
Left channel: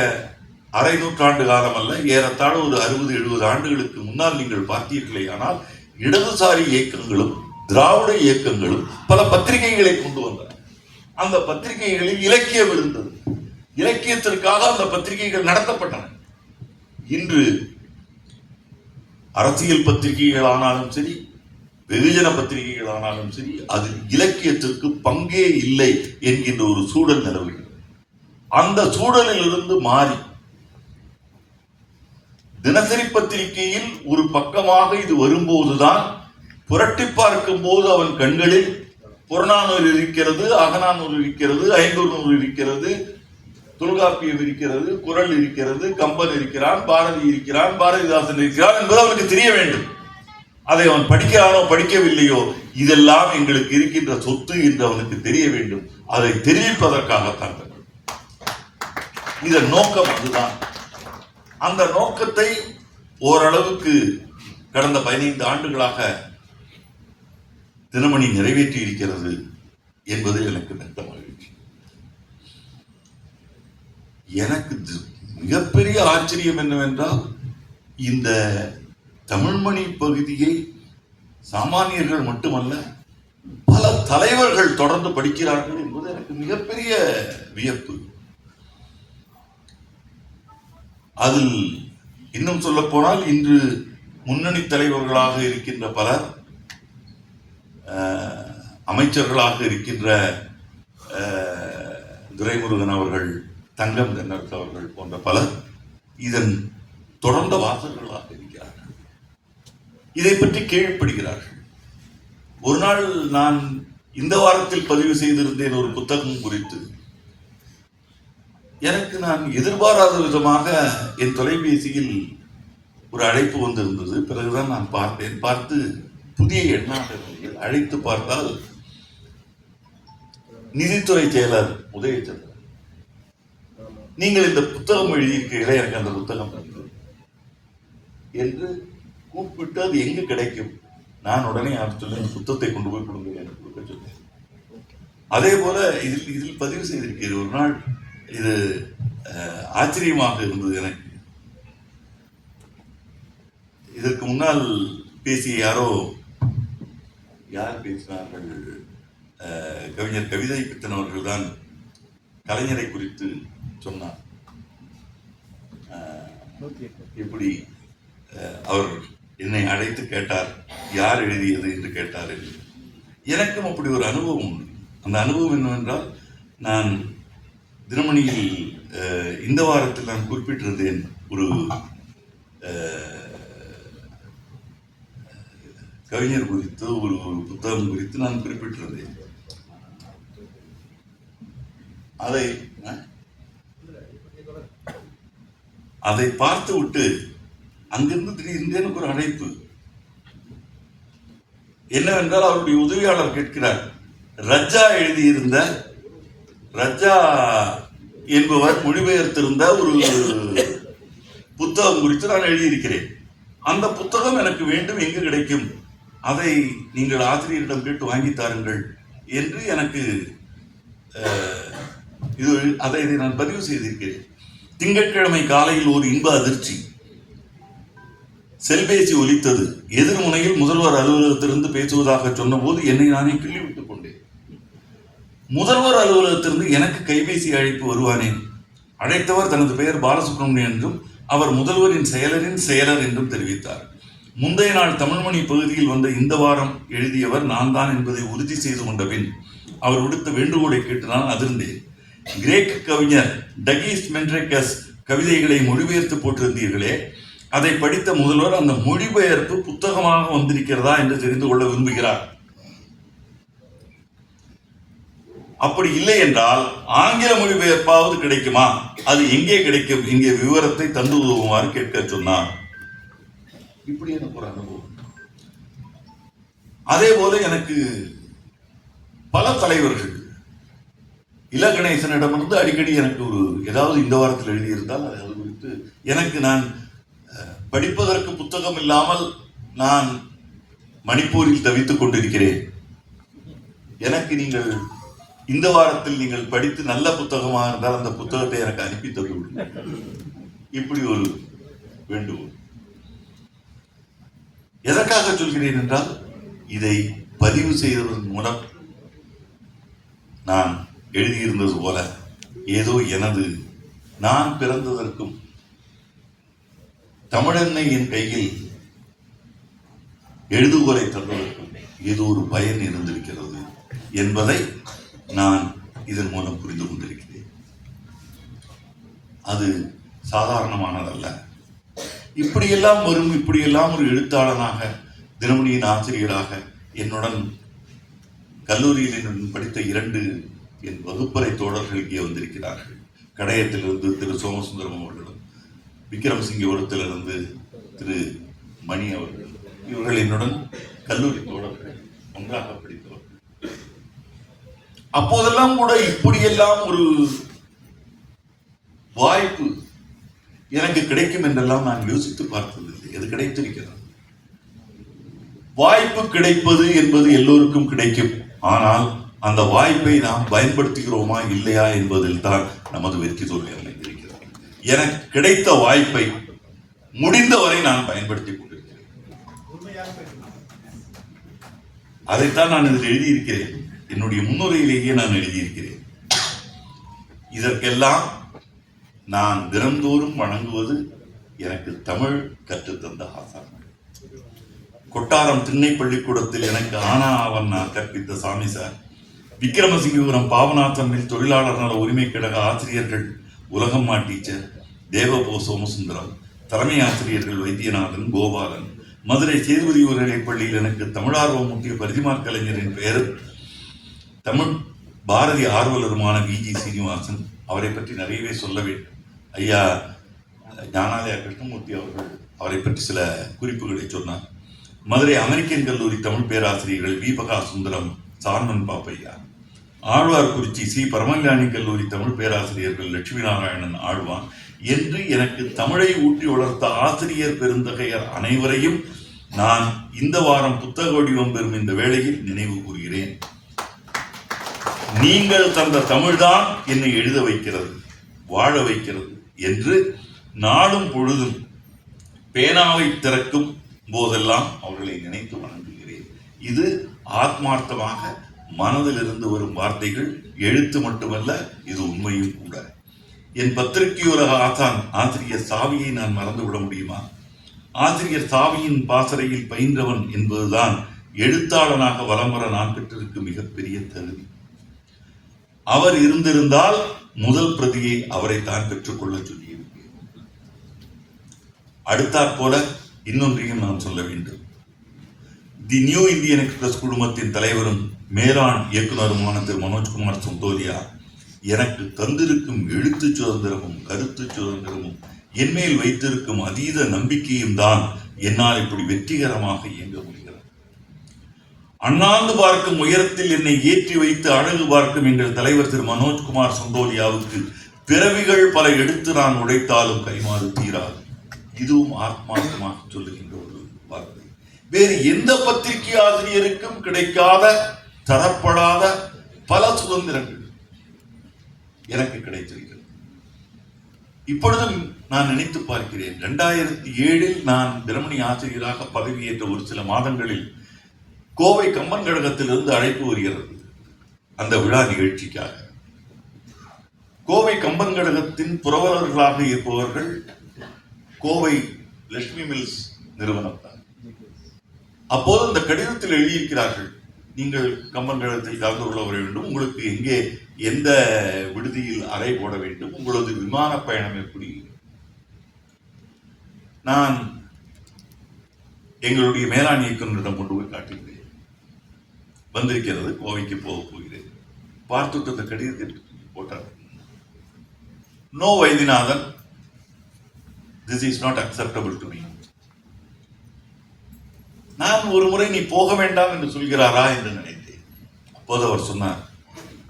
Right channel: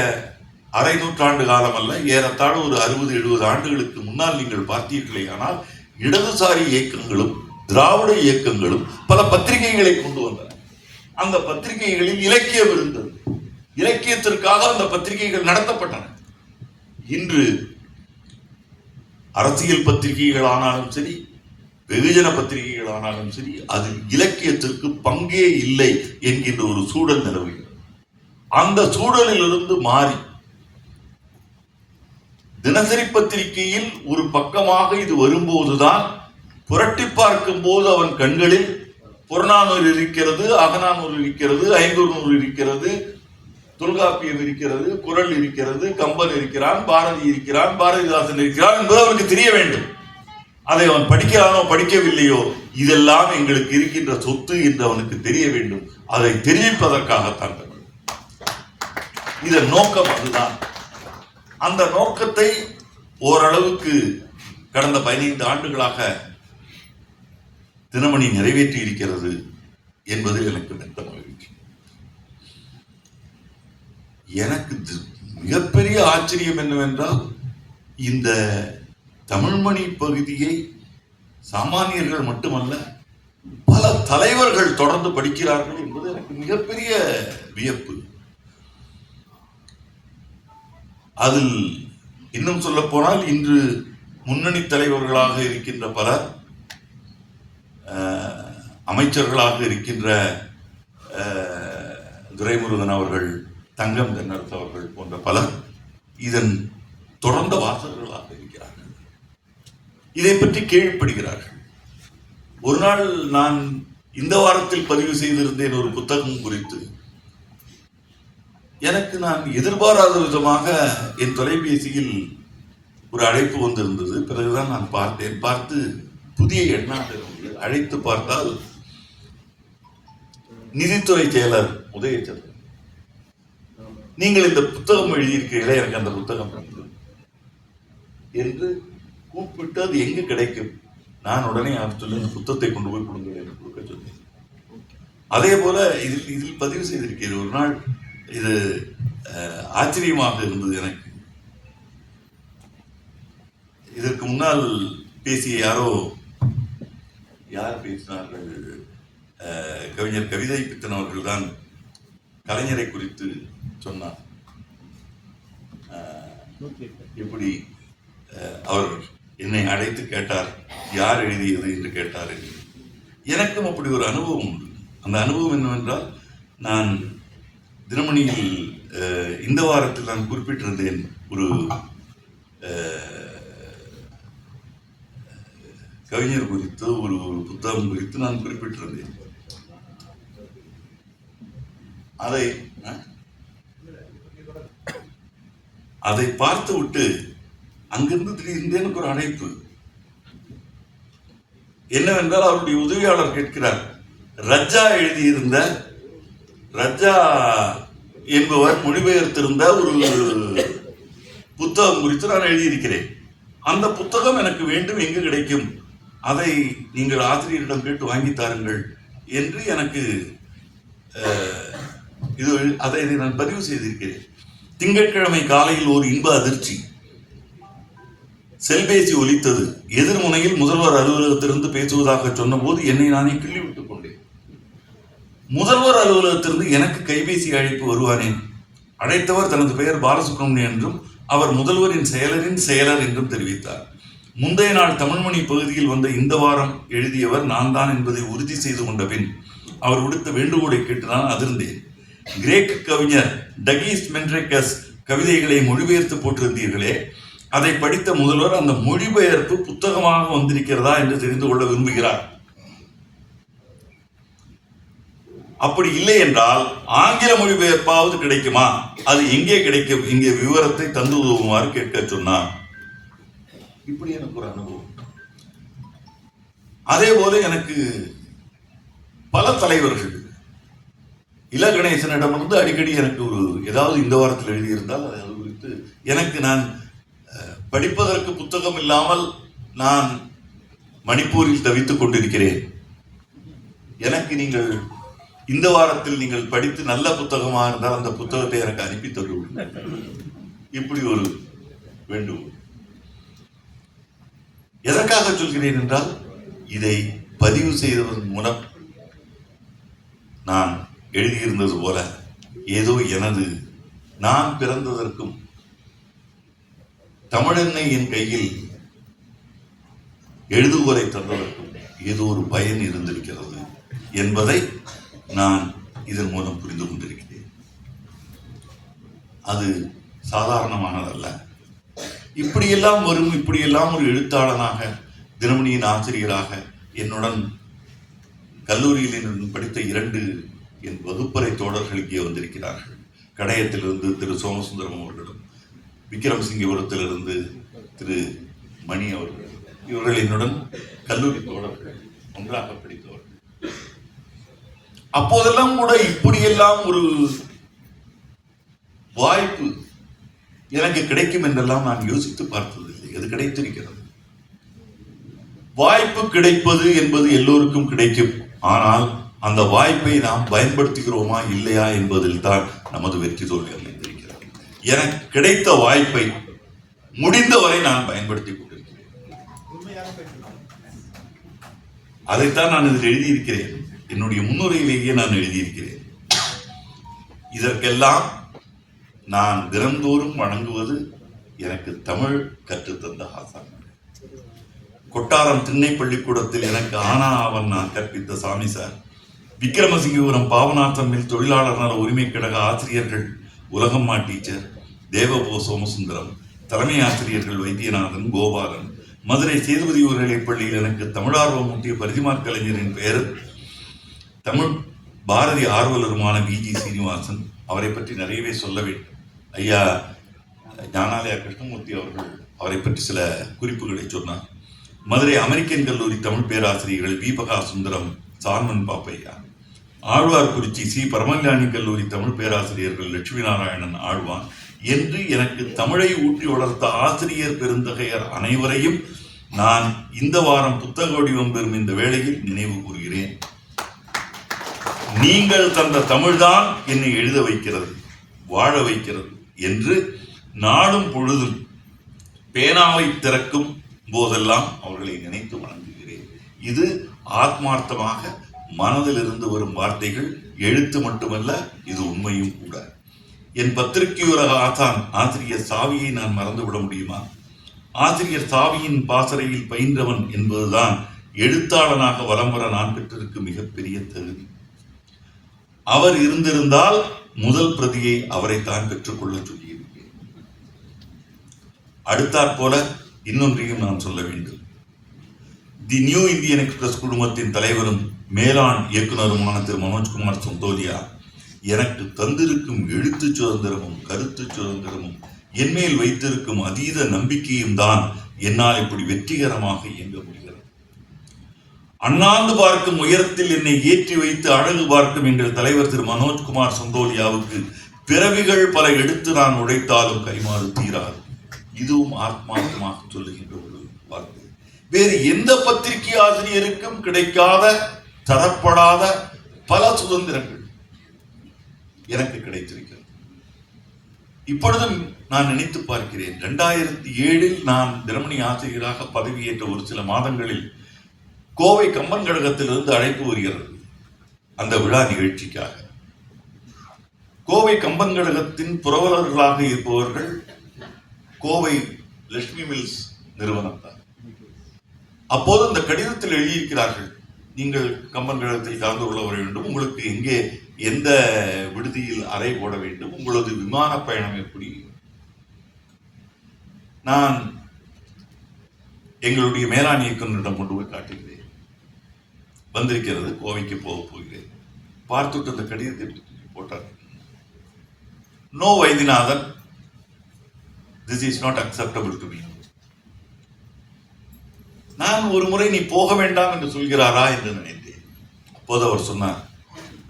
அரை நூற்றாண்டு காலம் அல்ல, ஏறத்தாழ ஒரு 60-70 ஆண்டுகளுக்கு முன்னால் நீங்கள் பார்த்தீர்களே, ஆனால் இடதுசாரி இயக்கங்களும் திராவிட இயக்கங்களும் பல பத்திரிகைகளை கொண்டு வந்தன. அந்த பத்திரிகைகளில் இலக்கியம் இருந்தது. இலக்கியத்திற்காக அந்த பத்திரிகைகள் நடத்தப்பட்டன. இன்று அரசியல் பத்திரிகைகள் ஆனாலும் சரி, வெகுஜன பத்திரிகைகள் ஆனாலும் சரி, அதில் இலக்கியத்திற்கு பங்கே இல்லை என்கின்ற ஒரு சூழல் நிலவுகிறது. அந்த சூழலில் இருந்து மாறி தினசரி பத்திரிகையில் ஒரு பக்கமாக இது வரும்போதுதான் புரட்டி பார்க்கும் போது அவன் கண்களில் புறநானூறு இருக்கிறது, அகநானூறு இருக்கிறது, ஐங்குறுநூறு இருக்கிறது, தொல்காப்பியம் இருக்கிறது, குறள் இருக்கிறது, கம்பன் இருக்கிறான், பாரதி இருக்கிறான், பாரதிதாசன் இருக்கிறான் என்பது அவனுக்கு தெரிய வேண்டும். அதை அவன் படிக்கிறானோ படிக்கவில்லையோ, இதெல்லாம் எங்களுக்கு இருக்கின்ற சொத்து என்று அவனுக்கு தெரிய வேண்டும். அதை தெரிவிப்பதற்காகத்தான் இதன் நோக்கம் அதுதான். அந்த நோக்கத்தை ஓரளவுக்கு கடந்த 15 ஆண்டுகளாக தினமணி நிறைவேற்றி இருக்கிறது என்பது எனக்கு மெத்த மகிழ்ச்சி. எனக்கு மிகப்பெரிய ஆச்சரியம் என்னவென்றால், இந்த தமிழ்மணி பகுதியை சாமானியர்கள் மட்டுமல்ல, பல தலைவர்கள் தொடர்ந்து படிக்கிறார்கள் என்பது எனக்கு மிகப்பெரிய வியப்பு. அதில் இன்னும் சொல்ல போனால், இன்று முன்னணி தலைவர்களாக இருக்கின்ற பலர், அமைச்சர்களாக இருக்கின்ற துரைமுருகன் அவர்கள், தங்கம் தென்னரசு அவர்கள் போன்ற பலர் இதன் தொடர்ந்த வாசகர்களாக இருக்கிறார்கள். இதை பற்றி கேள்விப்படுகிறார்கள். ஒரு நாள் நான் இந்த வாரத்தில் பதிவு செய்திருந்தேன் ஒரு புத்தகம் குறித்து. எனக்கு நான் எதிர்பாராத விதமாக என் தொலைபேசியில் ஒரு அழைப்பு வந்திருந்தது. பிறகுதான் நான் பார்த்தேன். பார்த்து புதிய எண்ணாக இருந்தது. அழைத்து பார்த்தால் நிதித்துறை செயலர் உதயச்சந்திரன், நீங்கள் இந்த புத்தகம் எழுதியிருக்கீங்களே, எனக்கு அந்த புத்தகம் என்று கூப்பிட்டு, அது எங்கு கிடைக்கும்? நான் உடனே அவர் சொல்லி இந்த புத்தகத்தை கொண்டு போய் கொடுங்க என்று கொடுக்க சொன்னேன். அதே போல இதில் பதிவு செய்திருக்கிறேன். ஒரு நாள் இது ஆச்சரியமாக இருந்தது எனக்கு. இதற்கு முன்னால் பேசிய யார் பேசினார்கள்? கவிஞர் கவிதை பித்தன் அவர்கள் தான் கலைஞரை குறித்து சொன்னார். இப்படி அவர் என்னை அழைத்து கேட்டார், யார் எழுதியது என்று கேட்டார். எனக்கும் அப்படி ஒரு அனுபவம் உண்டு. அந்த அனுபவம் என்னவென்றால், நான் தினமணியில் இந்த வாரத்தில் நான் குறிப்பிட்டிருந்தேன், ஒரு கவிஞர் குறித்து ஒரு புத்தகம் குறித்து நான் குறிப்பிட்டிருந்தேன். அதை பார்த்து விட்டு அங்கிருந்து திடீர்னு எனக்கு ஒரு அழைப்பு. என்னவென்றால், அவருடைய உதவியாளர் கேட்கிறார், ரஜா எழுதியிருந்த, ரஜா என்பவர் மொழிபெயர்த்திருந்த ஒரு புத்தகம் குறித்து நான் எழுதியிருக்கிறேன். அந்த புத்தகம் எனக்கு வேண்டும், எங்கு கிடைக்கும், அதை நீங்கள் ஆசிரியரிடம் கேட்டு வாங்கி தாருங்கள் என்று எனக்கு அதை நான் பதிவு செய்திருக்கிறேன். திங்கட்கிழமை காலையில் ஒரு இன்ப அதிர்ச்சி. செல்பேசி ஒலித்தது. எதிர்முனையில் முதல்வர் அலுவலகத்திலிருந்து பேசுவதாக சொன்னபோது என்னை நானே கிள்ளிவிட்டுக் கொண்டேன். முதல்வர் அலுவலகத்திலிருந்து எனக்கு கைபேசி அழைப்பு வருவானேன். அழைத்தவர் தனது பெயர் பாலசுப்ரமணியன் என்றும் அவர் முதல்வரின் செயலர் என்றும் தெரிவித்தார். முந்தைய நாள் தமிழ்மணி பகுதியில் வந்த இந்த வாரம் எழுதியவர் நான் தான் என்பதை உறுதி செய்து கொண்ட பின் அவர் விடுத்த வேண்டுகோளை கேட்டு நான் அதிர்ந்தேன். கிரேக்க கவிஞர் டகீஸ் மென்ட்ரெக்கஸ் கவிதைகளை மொழிபெயர்த்து போட்டிருந்தீர்களே, அதை படித்த முதல்வர் அந்த மொழிபெயர்ப்பு புத்தகமாக வந்திருக்கிறதா என்று தெரிந்து கொள்ள விரும்புகிறார். அப்படி இல்லை என்றால் ஆங்கில மொழிபெயர்ப்பாவது கிடைக்குமா, அது எங்கே கிடைக்கும், இங்கே விவரத்தை தந்து உதவுமாறு கேட்க சொன்னார். இப்படி எனக்கு ஒரு அனுபவம். அதே போல எனக்கு பல தலைவர்கள், இல கணேசனிடமிருந்து அடிக்கடி எனக்கு ஒரு ஏதாவது இந்த வாரத்தில் எழுதியிருந்தால் அது குறித்து எனக்கு, நான் படிப்பதற்கு புத்தகம் இல்லாமல் நான் மணிப்பூரில் தவித்துக் கொண்டிருக்கிறேன். எனக்கு நீங்கள் இந்த வாரத்தில் நீங்கள் படித்து நல்ல புத்தகமாக இருந்தால் அந்த புத்தகத்தை எனக்கு அனுப்பி தருவீர்கள். இப்படி ஒரு வேண்டுகோள். எதற்காக சொல்கிறேன் என்றால், இதை பதிவு செய்ததன் மூலம் நான் எழுதியிருந்தது போல ஏதோ எனது, நான் பிறந்ததற்கும் தமிழன்னை என் கையில் எழுதுகோலை தந்ததற்கும் ஏதோ ஒரு பயன் இருந்திருக்கிறது என்பதை நான் இதன் மூலம் புரிந்து கொண்டிருக்கிறேன். அது சாதாரணமானதல்ல. இப்படியெல்லாம் வரும், இப்படியெல்லாம் ஒரு எழுத்தாளனாக, தினமணியின் ஆசிரியராக, என்னுடன் கல்லூரியில் என்னுடன் படித்த 2 என் வகுப்பறை தோழர்கள் இங்கே வந்திருக்கிறார்கள். கடையத்திலிருந்து திரு சோமசுந்தரம் அவர்களும், விக்ரமசிங்கபுரத்திலிருந்து திரு மணி அவர்கள். இவர்கள் என்னுடன் கல்லூரி தோழர்கள், ஒன்றாக படித்தவர்கள். அப்போதெல்லாம் கூட இப்படியெல்லாம் ஒரு வாய்ப்பு எனக்கு கிடைக்கும் என்றெல்லாம் நான் யோசித்து பார்த்ததில்லை. அது கிடைத்திருக்கிறது. வாய்ப்பு கிடைப்பது என்பது எல்லோருக்கும் கிடைக்கும். ஆனால் அந்த வாய்ப்பை நாம் பயன்படுத்துகிறோமா இல்லையா என்பதில் தான் நமது வெற்றி தோல்வி அமைந்திருக்கிறது. எனக்கு கிடைத்த வாய்ப்பை முடிந்தவரை நான் பயன்படுத்திக் கொண்டிருக்கிறேன். அதைத்தான் நான் இதில் எழுதியிருக்கிறேன். என்னுடைய முன்னுரையிலேயே நான் எழுதியிருக்கிறேன். இதற்கெல்லாம் நான் தினந்தோறும் வணங்குவது எனக்கு தமிழ் கற்றுத்தந்த ஆசான். கொட்டாரம் திண்ணை பள்ளிக்கூடத்தில் எனக்கு ஆனா ஆவன் நான் கற்பித்த சாமி சார், விக்ரமசிங்கபுரம் பாவநாத்தமில் தொழிலாளர் நல உரிமை கழக ஆசிரியர்கள் உலகம்மா டீச்சர் தேவபோ சோமசுந்தரம், தலைமை ஆசிரியர்கள் வைத்தியநாதன், கோபாலன், மதுரை சேதுபதி உயர்நிலை பள்ளியில் எனக்கு தமிழார்வம் ஊட்டிய பரிதிமார் கலைஞரின் பெயர் தமிழ் பாரதி ஆர்வலருமான விஜி சீனிவாசன். அவரை பற்றி நிறையவே சொல்ல வேண்டும். ஐயா ஞானாலயா கிருஷ்ணமூர்த்தி அவர்கள் அவரை பற்றி சில குறிப்புகளை சொன்னார். மதுரை அமெரிக்கன் கல்லூரி தமிழ் பேராசிரியர்கள் வீபகா சுந்தரம், சார்மன் பாப்பையா, ஆழ்வார்குறிச்சி சி பரமஞானி கல்லூரி தமிழ் பேராசிரியர்கள் லட்சுமி நாராயணன் ஆழ்வான் என்று எனக்கு தமிழை ஊட்டி வளர்த்த ஆசிரியர் பெருந்தகையர் அனைவரையும் நான் இந்த வாரம் புத்தக வடிவம் பெறும் இந்த வேளையில் நினைவு கூறுகிறேன். நீங்கள் தந்த தமிழ்தான் என்னை எழுத வைக்கிறது, வாழ வைக்கிறது என்று நாளும் பொழுதும் பேனாவை திறக்கும் போதெல்லாம் அவர்களை நினைத்து வணங்குகிறேன். இது ஆத்மார்த்தமாக மனதில் இருந்து வரும் வார்த்தைகள். எழுத்து மட்டுமல்ல, இது உண்மையும் கூட. என் பத்திரிகையுலக ஆசிரியர் சாவியை நான் மறந்துவிட முடியுமா? ஆசிரியர் சாவியின் பாசறையில் பயின்றவன் என்பதுதான் எழுத்தாளனாக வலம் வர நான் பெற்றிருக்கும் மிகப்பெரிய தகுதி. அவர் இருந்திருந்தால் முதல் பிரதியை அவரை தான் பெற்றுக்கொள்ள சொல்லியிருக்கேன். அடுத்தாற் போல இன்னொன்றையும் நான் சொல்ல வேண்டும். தி நியூ இந்தியன் எக்ஸ்பிரஸ் குழுமத்தின் தலைவரும் மேலாண் இயக்குநருமான திரு மனோஜ்குமார் சந்தோலியா எனக்கு தந்திருக்கும் எழுத்து சுதந்திரமும் கருத்து சுதந்திரமும் என்மேல் வைத்திருக்கும் அதீத நம்பிக்கையும் தான் என்னால் இப்படி வெற்றிகரமாக இயங்க முடிகிறது. அண்ணாந்து பார்க்கும் உயரத்தில் என்னை ஏற்றி வைத்து அழகு பார்க்கும் எங்கள் தலைவர் திரு மனோஜ்குமார் சந்தோலியாவுக்கு பிறவிகள் பல எடுத்து நான் உடைத்தாலும் கைமாறு தீராது. இதுவும் ஆத்மார்த்தமாக சொல்லுகின்ற ஒரு வார்த்தை. வேறு எந்த பத்திரிகை ஆசிரியருக்கும் கிடைக்காத, தரப்படாத பல சுதந்திரங்கள் எனக்கு கிடைத்திருக்கிறது. இப்பொழுதும் நான் நினைத்து பார்க்கிறேன். 2007 நான் தினமணி ஆசிரியராக பதவியேற்ற ஒரு சில மாதங்களில் கோவை கம்பன் கழகத்திலிருந்து அழைப்பு வருகிறது அந்த விழா நிகழ்ச்சிக்காக. கோவை கம்பன் கழகத்தின் புரவலர்களாக இருப்பவர்கள் கோவை லட்சுமி மில்ஸ் நிறுவனம் தான். அப்போது அந்த கடிதத்தில் எழுதியிருக்கிறார்கள், நீங்கள் கம்பன் கழகத்தில் கலந்து கொள்ள வர வேண்டும், உங்களுக்கு எங்கே எந்த விடுதியில் அறை போட வேண்டும், உங்களது விமான பயணம் எப்படி. நான் எங்களுடைய மேலாண் இயக்குநரிடம் கொண்டு போய் காட்டுகிறேன். வந்திருக்கிறது, கோவைக்கு போக போகிறேன். பார்த்துட்டு அந்த கடிதத்தை போட்டார். No Vaidyanathan, this is not acceptable to me. நான் ஒரு முறை நீ போக வேண்டாம் என்று சொல்கிறாரா என்று நினைத்தேன். அப்போது அவர் சொன்னார்,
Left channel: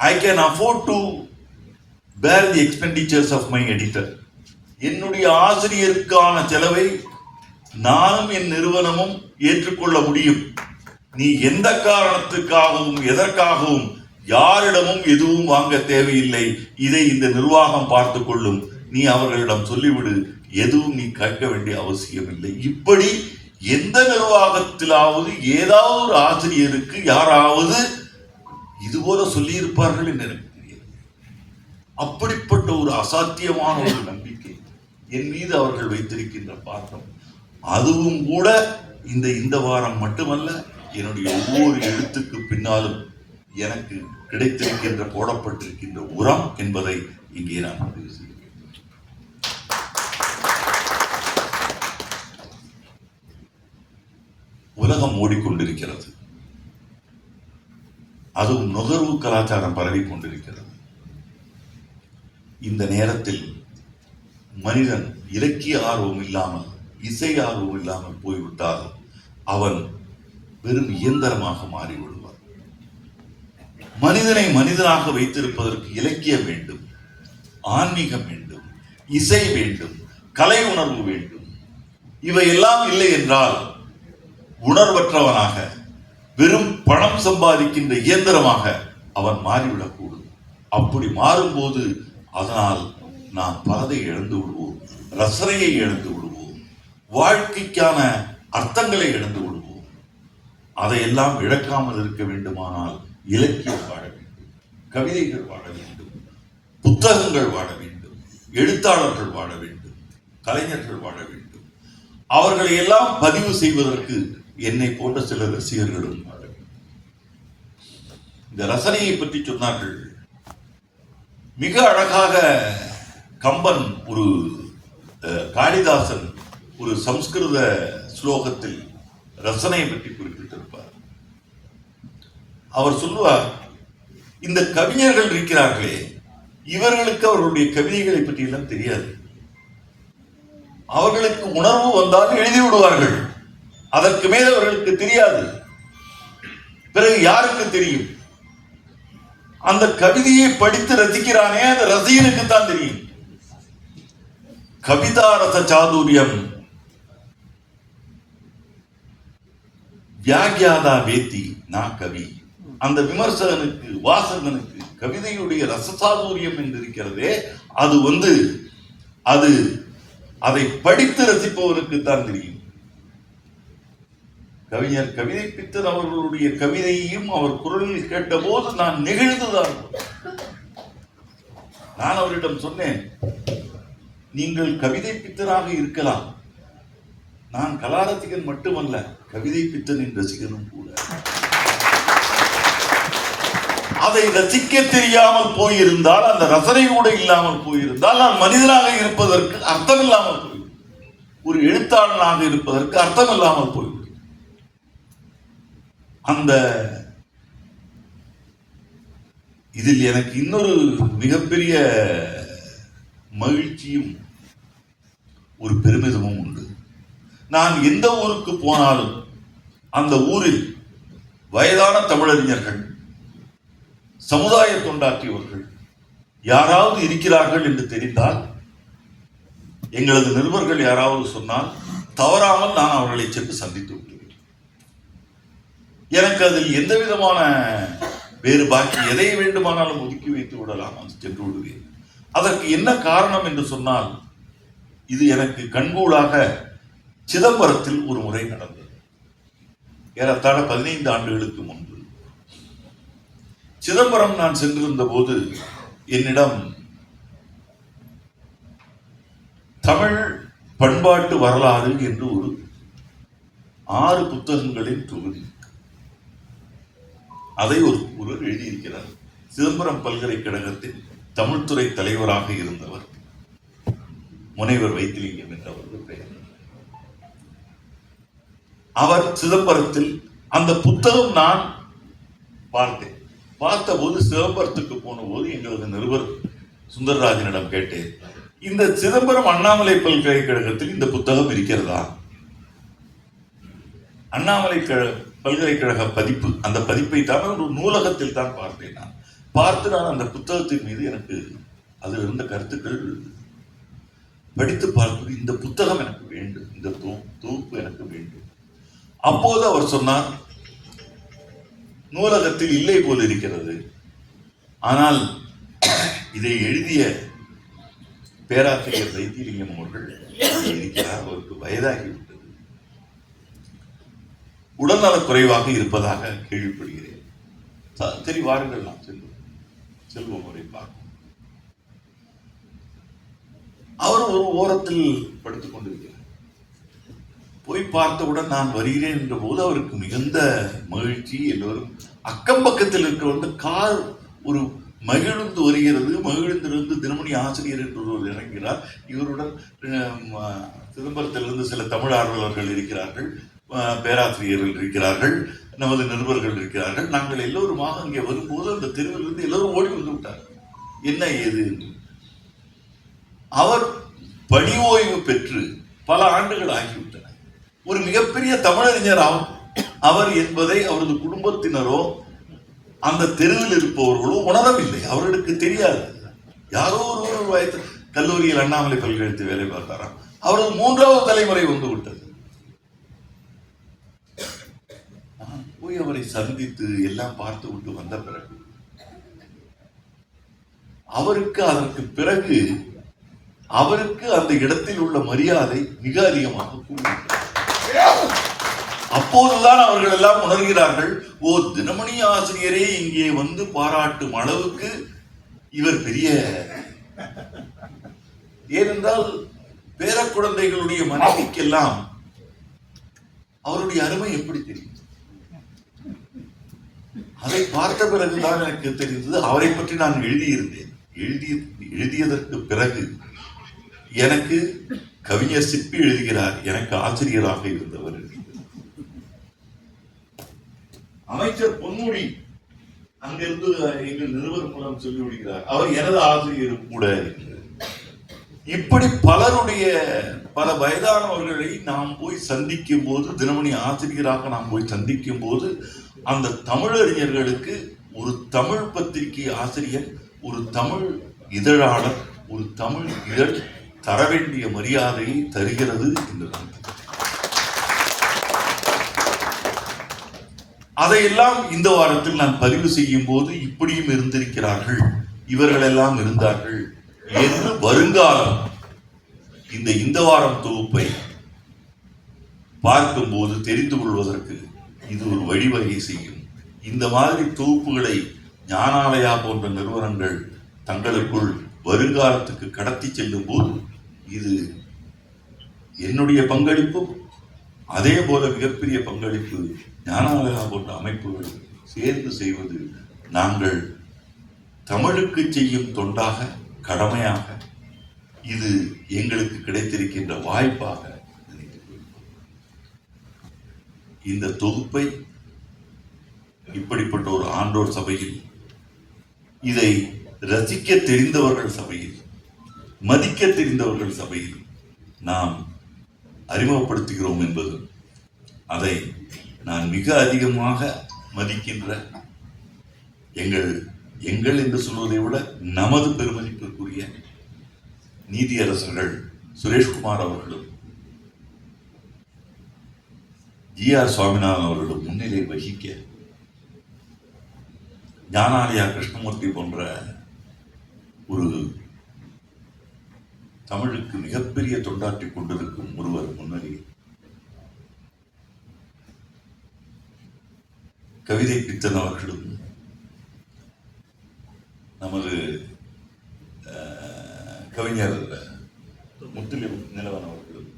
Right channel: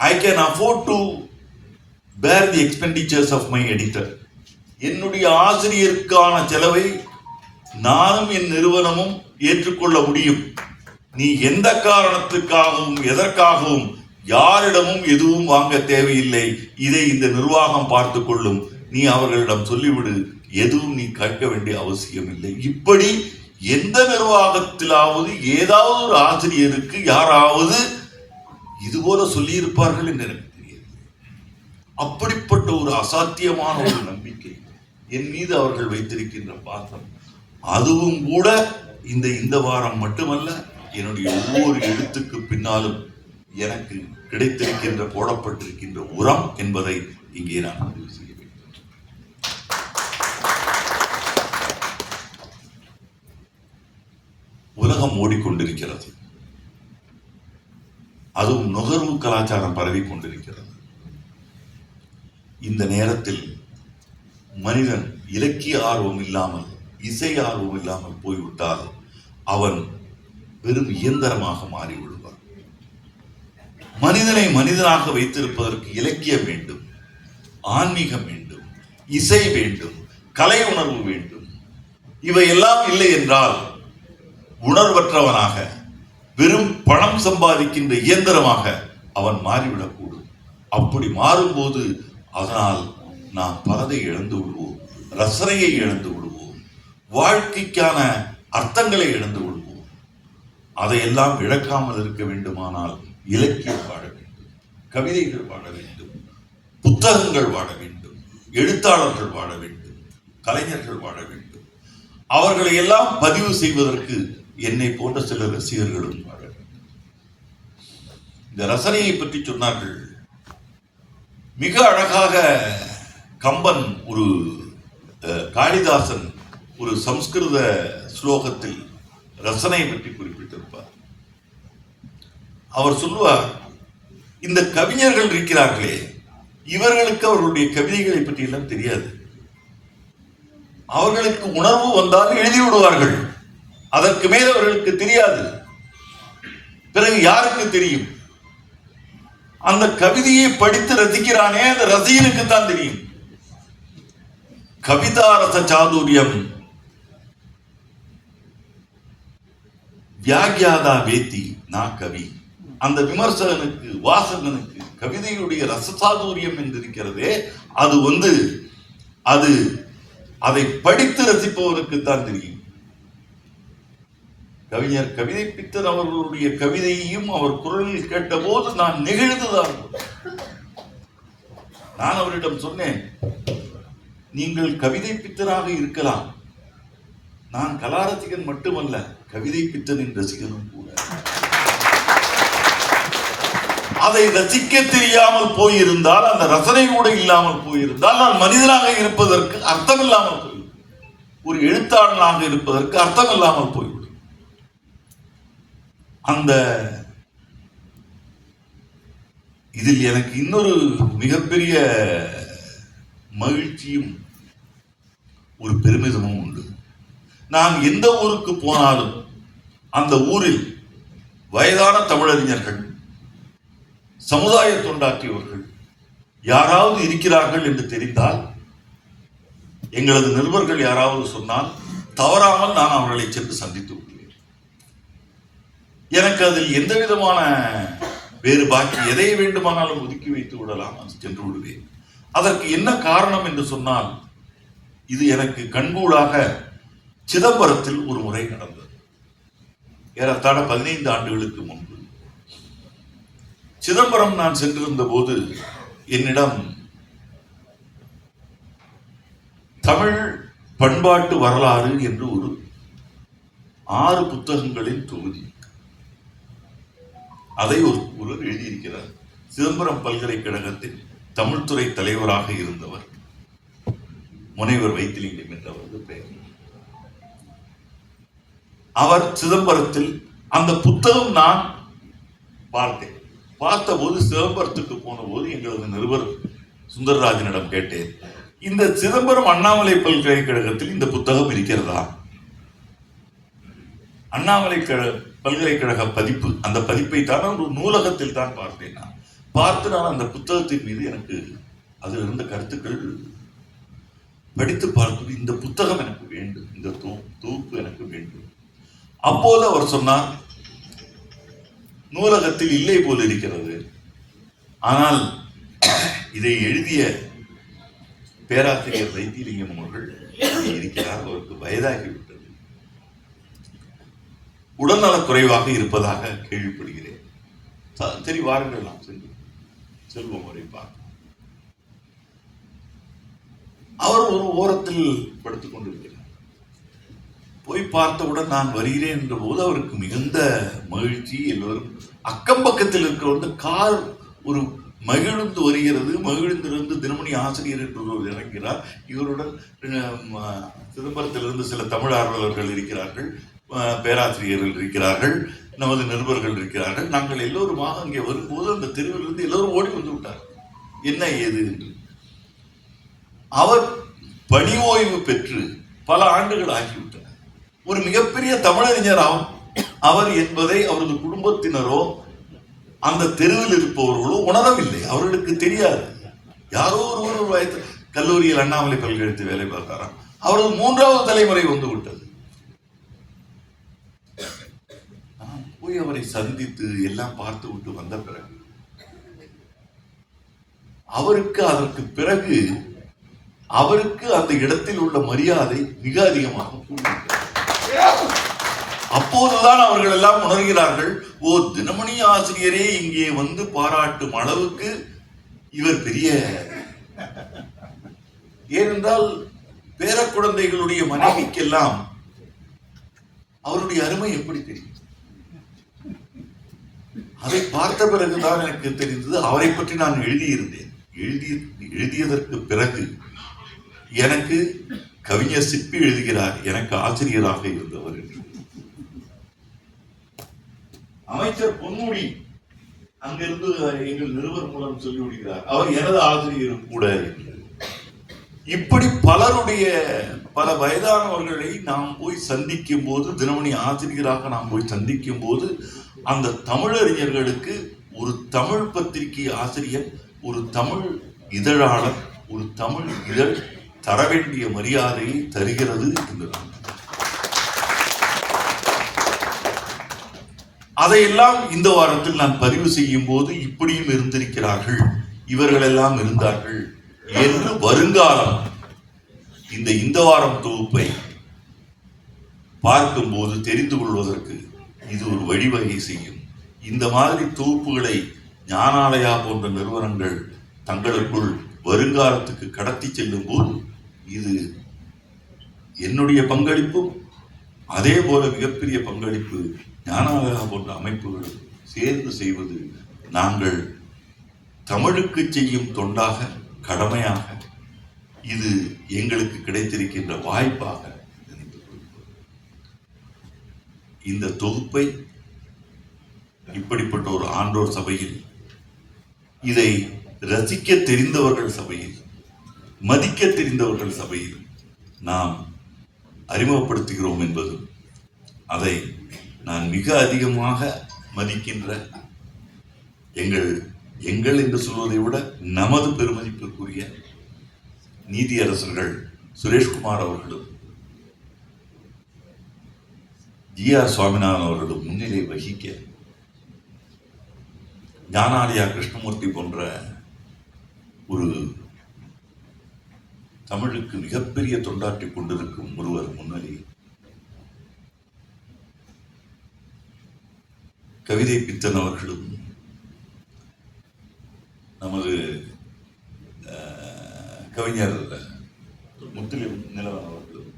I can afford to bear the expenditures of my editor. என்னுடைய ஆசிரியருக்கான செலவை நானும் என் நிறுவனமும் ஏற்றுக்கொள்ள முடியும். நீ எந்த காரணத்துக்காகவும் எதற்காகவும் யாரிடமும் எதுவும் வாங்க தேவையில்லை. இதை இந்த நிர்வாகம் பார்த்து கொள்ளும். நீ அவர்களிடம் சொல்லிவிடு, எதுவும் நீ கேட்க வேண்டிய அவசியம் இல்லை. இப்படி எந்த நிர்வாகத்திலாவது ஏதாவது ஒரு ஆசிரியருக்கு யாராவது இதுபோல சொல்லி இருப்பார்கள் என்று எனக்கு தெரியாது. அப்படிப்பட்ட ஒரு அசாத்தியமான ஒரு நம்பிக்கை என் மீது அவர்கள் வைத்திருக்கின்ற பாத்திரம். அதுவும் கூட இந்த வாரம் மட்டுமல்ல, என்னுடைய ஒவ்வொரு எழுத்துக்கு பின்னாலும் எனக்கு கிடைத்திருக்கின்ற போடப்பட்டிருக்கின்ற உரம் என்பதை இங்கே நான் பதிவு செய்ய வேண்டும். உலகம் ஓடிக்கொண்டிருக்கிறது. அதுவும் நுகர்வு கலாச்சாரம் பரவி கொண்டிருக்கிறது. இந்த நேரத்தில் மனிதன் இலக்கிய ஆர்வம் இல்லாமல், இசை ஆர்வம் இல்லாமல் போய்விட்டால் அவன் வெறும் இயந்திரமாக மாறிவிடுவார். மனிதனை மனிதனாக வைத்திருப்பதற்கு இலக்கியம் வேண்டும், ஆன்மீகம் வேண்டும், இசை வேண்டும், கலை உணர்வு வேண்டும். இவையெல்லாம் இல்லை என்றால் உணர்வற்றவனாக, வெறும் பணம் சம்பாதிக்கின்ற இயந்திரமாக அவன் மாறிவிடக்கூடும். அப்படி மாறும்போது அதனால் நாம் பலதை இழந்து விடுவோம், ரசனையை இழந்து விடுவோம், வாழ்க்கைக்கான அர்த்தங்களை இழந்து விடுவோம். அதையெல்லாம் இழக்காமல் இருக்க வேண்டுமானால் இலக்கியம் வாழ வேண்டும், கவிதைகள் வாழ வேண்டும், புத்தகங்கள் வாழ வேண்டும், எழுத்தாளர்கள் வாழ வேண்டும், கலைஞர்கள் வாழ வேண்டும். அவர்களை எல்லாம் பதிவு செய்வதற்கு என்னை போன்ற சில ரசிகர்களும் வாழ வேண்டும். இந்த ரசனையை பற்றி சொன்னார்கள். மிக அழகாக கம்பன் ஒரு காளிதாசன் ஒரு சம்ஸ்கிருத ஸ்லோகத்தில் ரசனை பற்றி குறிப்பிட்டிருப்பார். அவர் சொல்லுவார், இந்த கவிஞர்கள் இருக்கிறார்களே, இவர்களுக்கு அவர்களுடைய கவிதைகளை பற்றி எல்லாம் தெரியாது. அவர்களுக்கு உணர்வு வந்தால் எழுதி விடுவார்கள், அதற்கு மேல் அவர்களுக்கு தெரியாது. பிறகு யாருக்கு தெரியும்? அந்த கவிதையை படித்து ரசிக்கிறானே, அந்த ரசிகனுக்கு தான் தெரியும். கவிதா ரச சாதுரியம் வியாகியாதா வேத்தி நா கவி. அந்த விமர்சகனுக்கு, வாசகனுக்கு கவிதையுடைய ரசசாதுரியம் என்று இருக்கிறதே, அது அதை படித்து ரசிப்பவருக்கு தான் தெரியும். கவிஞர் கவிதை பித்தன் அவர்களுடைய கவிதையையும் அவர் குரலில் கேட்டபோது நான் நெகிழ்ந்துதான். நான் அவரிடம் சொன்னேன், நீங்கள் கவிதை பித்தனாக இருக்கலாம், நான் கலாரசிகன் மட்டுமல்ல, கவிதை பித்தனின் ரசிகனும் கூட. அதை ரசிக்க தெரியாமல் போயிருந்தால், அந்த ரசனை கூட இல்லாமல் போயிருந்தால், நான் மனிதனாக இருப்பதற்கு அர்த்தம் இல்லாமல் போய்விடும். ஒரு எழுத்தாளனாக இருப்பதற்கு அர்த்தம் இல்லாமல் போய்விடும். அந்த இதில் எனக்கு இன்னொரு மிகப்பெரிய மகிழ்ச்சியும் ஒரு பெருமிதமும் உண்டு. நான் எந்த ஊருக்கு போனாலும் அந்த ஊரில் வயதான தமிழறிஞர்கள், சமுதாய தொண்டாற்றியவர்கள் யாராவது இருக்கிறார்கள் என்று தெரிந்தால், எங்களது நிருபர்கள் யாராவது சொன்னால் தவறாமல் நான் அவர்களை சென்று சந்தித்து விடுவேன். எனக்கு அதில் எந்த விதமான வேறு பாக்கி எதை வேண்டுமானாலும் ஒதுக்கி வைத்து விடலாம், சென்று விடுவேன். அதற்கு என்ன காரணம் என்று சொன்னால், இது எனக்கு கண்கூடாக சிதம்பரத்தில் ஒரு முறை நடந்தது. ஏறத்தாழ 15 ஆண்டுகளுக்கு முன்பு சிதம்பரம் நான் சென்றிருந்த போது என்னிடம் தமிழ் பண்பாட்டு வரலாறு என்று ஒரு 6 புத்தகங்களின் தொகுதி, அதை ஒருவர் எழுதியிருக்கிறார். சிதம்பரம் பல்கலைக்கழகத்தின் தமிழ்துறை தலைவராக இருந்தவர் முனைவர் வைத்திலிங்கம் என்றவர் பெயர். அவர் சிதம்பரத்தில் அந்த புத்தகம் நான் பார்த்தேன். பார்த்தபோது சிதம்பரத்துக்கு போன போது எங்களது நிருபர் சுந்தரராஜனிடம் கேட்டேன், இந்த சிதம்பரம் அண்ணாமலை பல்கலைக்கழகத்தில் இந்த புத்தகம் இருக்கிறதா? அண்ணாமலை பல்கலைக்கழக பதிப்பு, அந்த பதிப்பை தான் ஒரு நூலகத்தில் தான் பார்த்தேன். நான் பார்த்து நான் அந்த புத்தகத்தின் மீது எனக்கு அதில் இருந்த கருத்துக்கள் படித்து பார்த்து, இந்த புத்தகம் எனக்கு வேண்டும், இந்த தொகுப்பு எனக்கு வேண்டும். அப்போது அவர் சொன்னார், நூலகத்தில் இல்லை போல் இருக்கிறது, ஆனால் இதை எழுதிய பேராசிரியர் வைத்திலிங்கம் அவர்கள் இருக்கிறார், அவருக்கு வயதாகிவிட்டது, உடல்நலக் குறைவாக இருப்பதாக கேள்விப்படுகிறேன், சரி வாருங்கள் நாம் செல்வோம் அவரை பார்க்க. அவர் ஒரு ஓரத்தில் படுத்துக் கொண்டிருக்கிறார். போய் பார்த்தவுடன் நான் வருகிறேன் என்ற போது அவருக்கு மிகுந்த மகிழ்ச்சி. எல்லோரும் அக்கம் பக்கத்தில் இருக்கிற கார் ஒரு மகிழ்ந்து வருகிறது. மகிழ்ந்திருந்து தினமணி ஆசிரியர் என்று இறங்கிறார். இவருடன் சிதம்பரத்திலிருந்து சில தமிழ் ஆர்வலர்கள் இருக்கிறார்கள், பேராசிரியர்கள் இருக்கிறார்கள், நமது நிருபர்கள் இருக்கிறார்கள். நாங்கள் எல்லோருமாக அங்கே வரும்போது அந்த தெருவிலிருந்து எல்லோரும் ஓடி வந்து விட்டார், என்ன ஏது என்று. அவர் பணி ஓய்வு பெற்று பல ஆண்டுகள் ஆகிவிட்டன. ஒரு மிகப்பெரிய தமிழறிஞர் அவர் என்பதை அவரது குடும்பத்தினரோ அந்த தெருவில் இருப்பவர்களோ உணரவில்லை, அவர்களுக்கு தெரியாது. யாரோ ஒரு வயது கல்லூரியில் அண்ணாமலை பல்கலைக்கழகத்தில் வேலை பார்த்தாராம். அவரது 3வது தலைமுறை வந்து விட்டது. போய் அவரை சந்தித்து எல்லாம் பார்த்து விட்டு வந்த பிறகு அதற்கு பிறகு அவருக்கு அந்த இடத்தில் உள்ள மரியாதை மிக அதிகமாக கூடியிருக்கிறது. அப்போதுதான் அவர்கள் எல்லாம் உணர்கிறார்கள், ஓ, தினமணி ஆசிரியரே இங்கே வந்து பாராட்டும் அளவுக்கு இவர் பெரிய. ஏனென்றால் பேர குழந்தைகளுடைய மனைவிக்கெல்லாம் அவருடைய அருமை எப்படி தெரியும்? அதை பார்த்த பிறகுதான் எனக்கு தெரிந்தது. அவரை பற்றி நான் எழுதியிருந்தேன். எழுதியதற்கு பிறகு எனக்கு கவிஞர் சிற்பி எழுதுகிறார், எனக்கு ஆசிரியராக இருந்தவர். அமைச்சர் பொன்முடி அங்கிருந்து எங்கள் நிருபர் மூலம் சொல்லி விடுகிறார், அவர் எனது ஆசிரியரும் கூட. இப்படி பலருடைய பல வயதானவர்களை நாம் போய் சந்திக்கும் போது, தினமணி ஆசிரியராக நாம் போய் சந்திக்கும் போது, அந்த தமிழறிஞர்களுக்கு ஒரு தமிழ் பத்திரிகை ஆசிரியர், ஒரு தமிழ் இதழாளர், ஒரு தமிழ் இதழ் தர வேண்டிய மரியாதையை தருகிறது என்று அதையெல்லாம் இந்த வாரத்தில் நான் பதிவு செய்யும் போது இப்படியும் இருந்திருக்கிறார்கள், இவர்கள் எல்லாம் இருந்தார்கள் என்று வருங்காலம் இந்த வாரம் தொகுப்பை பார்க்கும்போது தெரிந்து கொள்வதற்கு இது ஒரு வழிவகை செய்யும். இந்த மாதிரி தொகுப்புகளை ஞானாலயா போன்ற நிறுவனங்கள் தங்களுக்குள் வருங்காலத்துக்கு கடத்தி செல்லும் போது இது என்னுடைய பங்களிப்பும் அதே போல மிகப்பெரிய பங்களிப்பு ஞானாலயா போன்ற அமைப்புகளும் சேர்ந்து செய்வது நாங்கள் தமிழுக்கு செய்யும் தொண்டாக, கடமையாக, இது எங்களுக்கு கிடைத்திருக்கின்ற வாய்ப்பாக நினைத்துக் கொள்கிறோம். இந்த தொகுப்பை இப்படிப்பட்ட ஒரு ஆன்றோர் சபையில், இதை ரசிக்க தெரிந்தவர்கள் சபையில், மதிக்க தெரிந்தவர்கள் சபையில் நாம் அறிமுகப்படுத்துகிறோம் என்பது, அதை நான் மிக அதிகமாக மதிக்கின்ற எங்கள் என்று சொல்வதை விட நமது பெருமதிப்பிற்குரிய நீதியரசர்கள் சுரேஷ்குமார் அவர்களும் ஜி.ஆர். சுவாமிநாதன் அவர்களும் முன்னிலை வகிக்க, ஞானாலயா கிருஷ்ணமூர்த்தி போன்ற ஒரு தமிழுக்கு மிகப்பெரிய தொண்டாற்றிக் கொண்டிருக்கும் ஒருவர் முன்னிலையில், கவிதை பித்தன் அவர்களும் நமது கவிஞர் முத்துலிம் நிலவன் அவர்களும்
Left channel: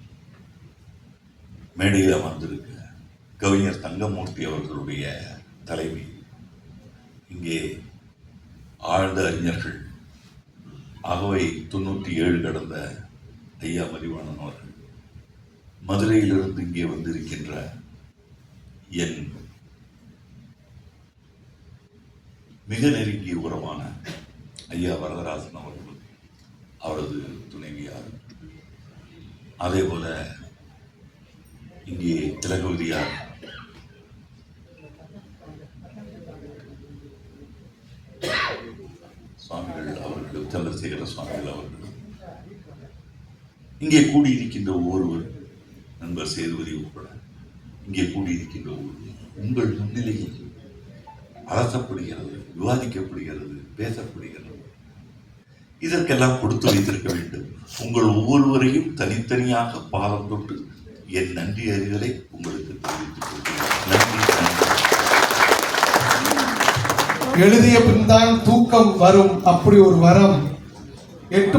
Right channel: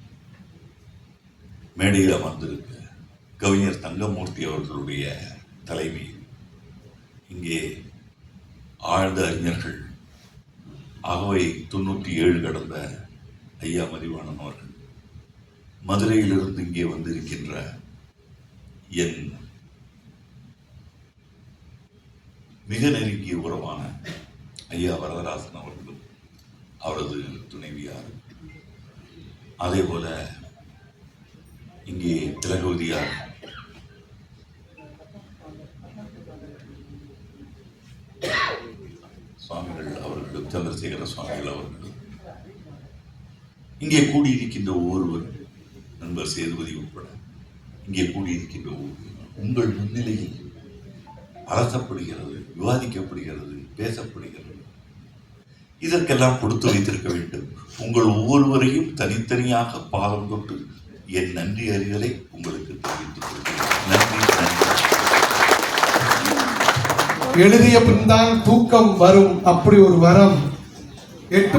மேடையில் அமர்ந்திருக்க, கவிஞர் தங்கமூர்த்தி அவர்களுடைய தலைமையில் இங்கே ஆழ்ந்த அறிஞர்கள் அகவை 97 கடந்த ஐயா மதிவாணன் அவர்கள், மதுரையிலிருந்து இங்கே வந்திருக்கின்ற என் மிக நெருங்கிய உறவான ஐயா வரதராசன் அவர்களும் அவரது துணைவியார், அதே போல இங்கே திலகவதியார் சுவாமிகள் அவர்களும், சந்திரசேகர சுவாமிகள் அவர்களும், இங்கே கூடியிருக்கின்ற ஒவ்வொருவர், நண்பர் சேதுபதி உட்பட இங்கே கூடியிருக்கின்ற ஒவ்வொருவர் உங்கள் முன்னிலையில் அரசப்படுகிறது, விவாதிக்கப்படுகிறது, பேசப்படுகிறது. இதற்கெல்லாம் கொடுத்து வைத்திருக்க வேண்டும். உங்கள் ஒவ்வொருவரையும் தனித்தனியாக பாதம் தொட்டு என் நன்றி அறிதலை உங்களுக்கு தெரிவித்துக் கொள்கிறேன். நன்றி. எழுதிய பின்தான் தூக்கம் வரும், அப்படி ஒரு வரம் 8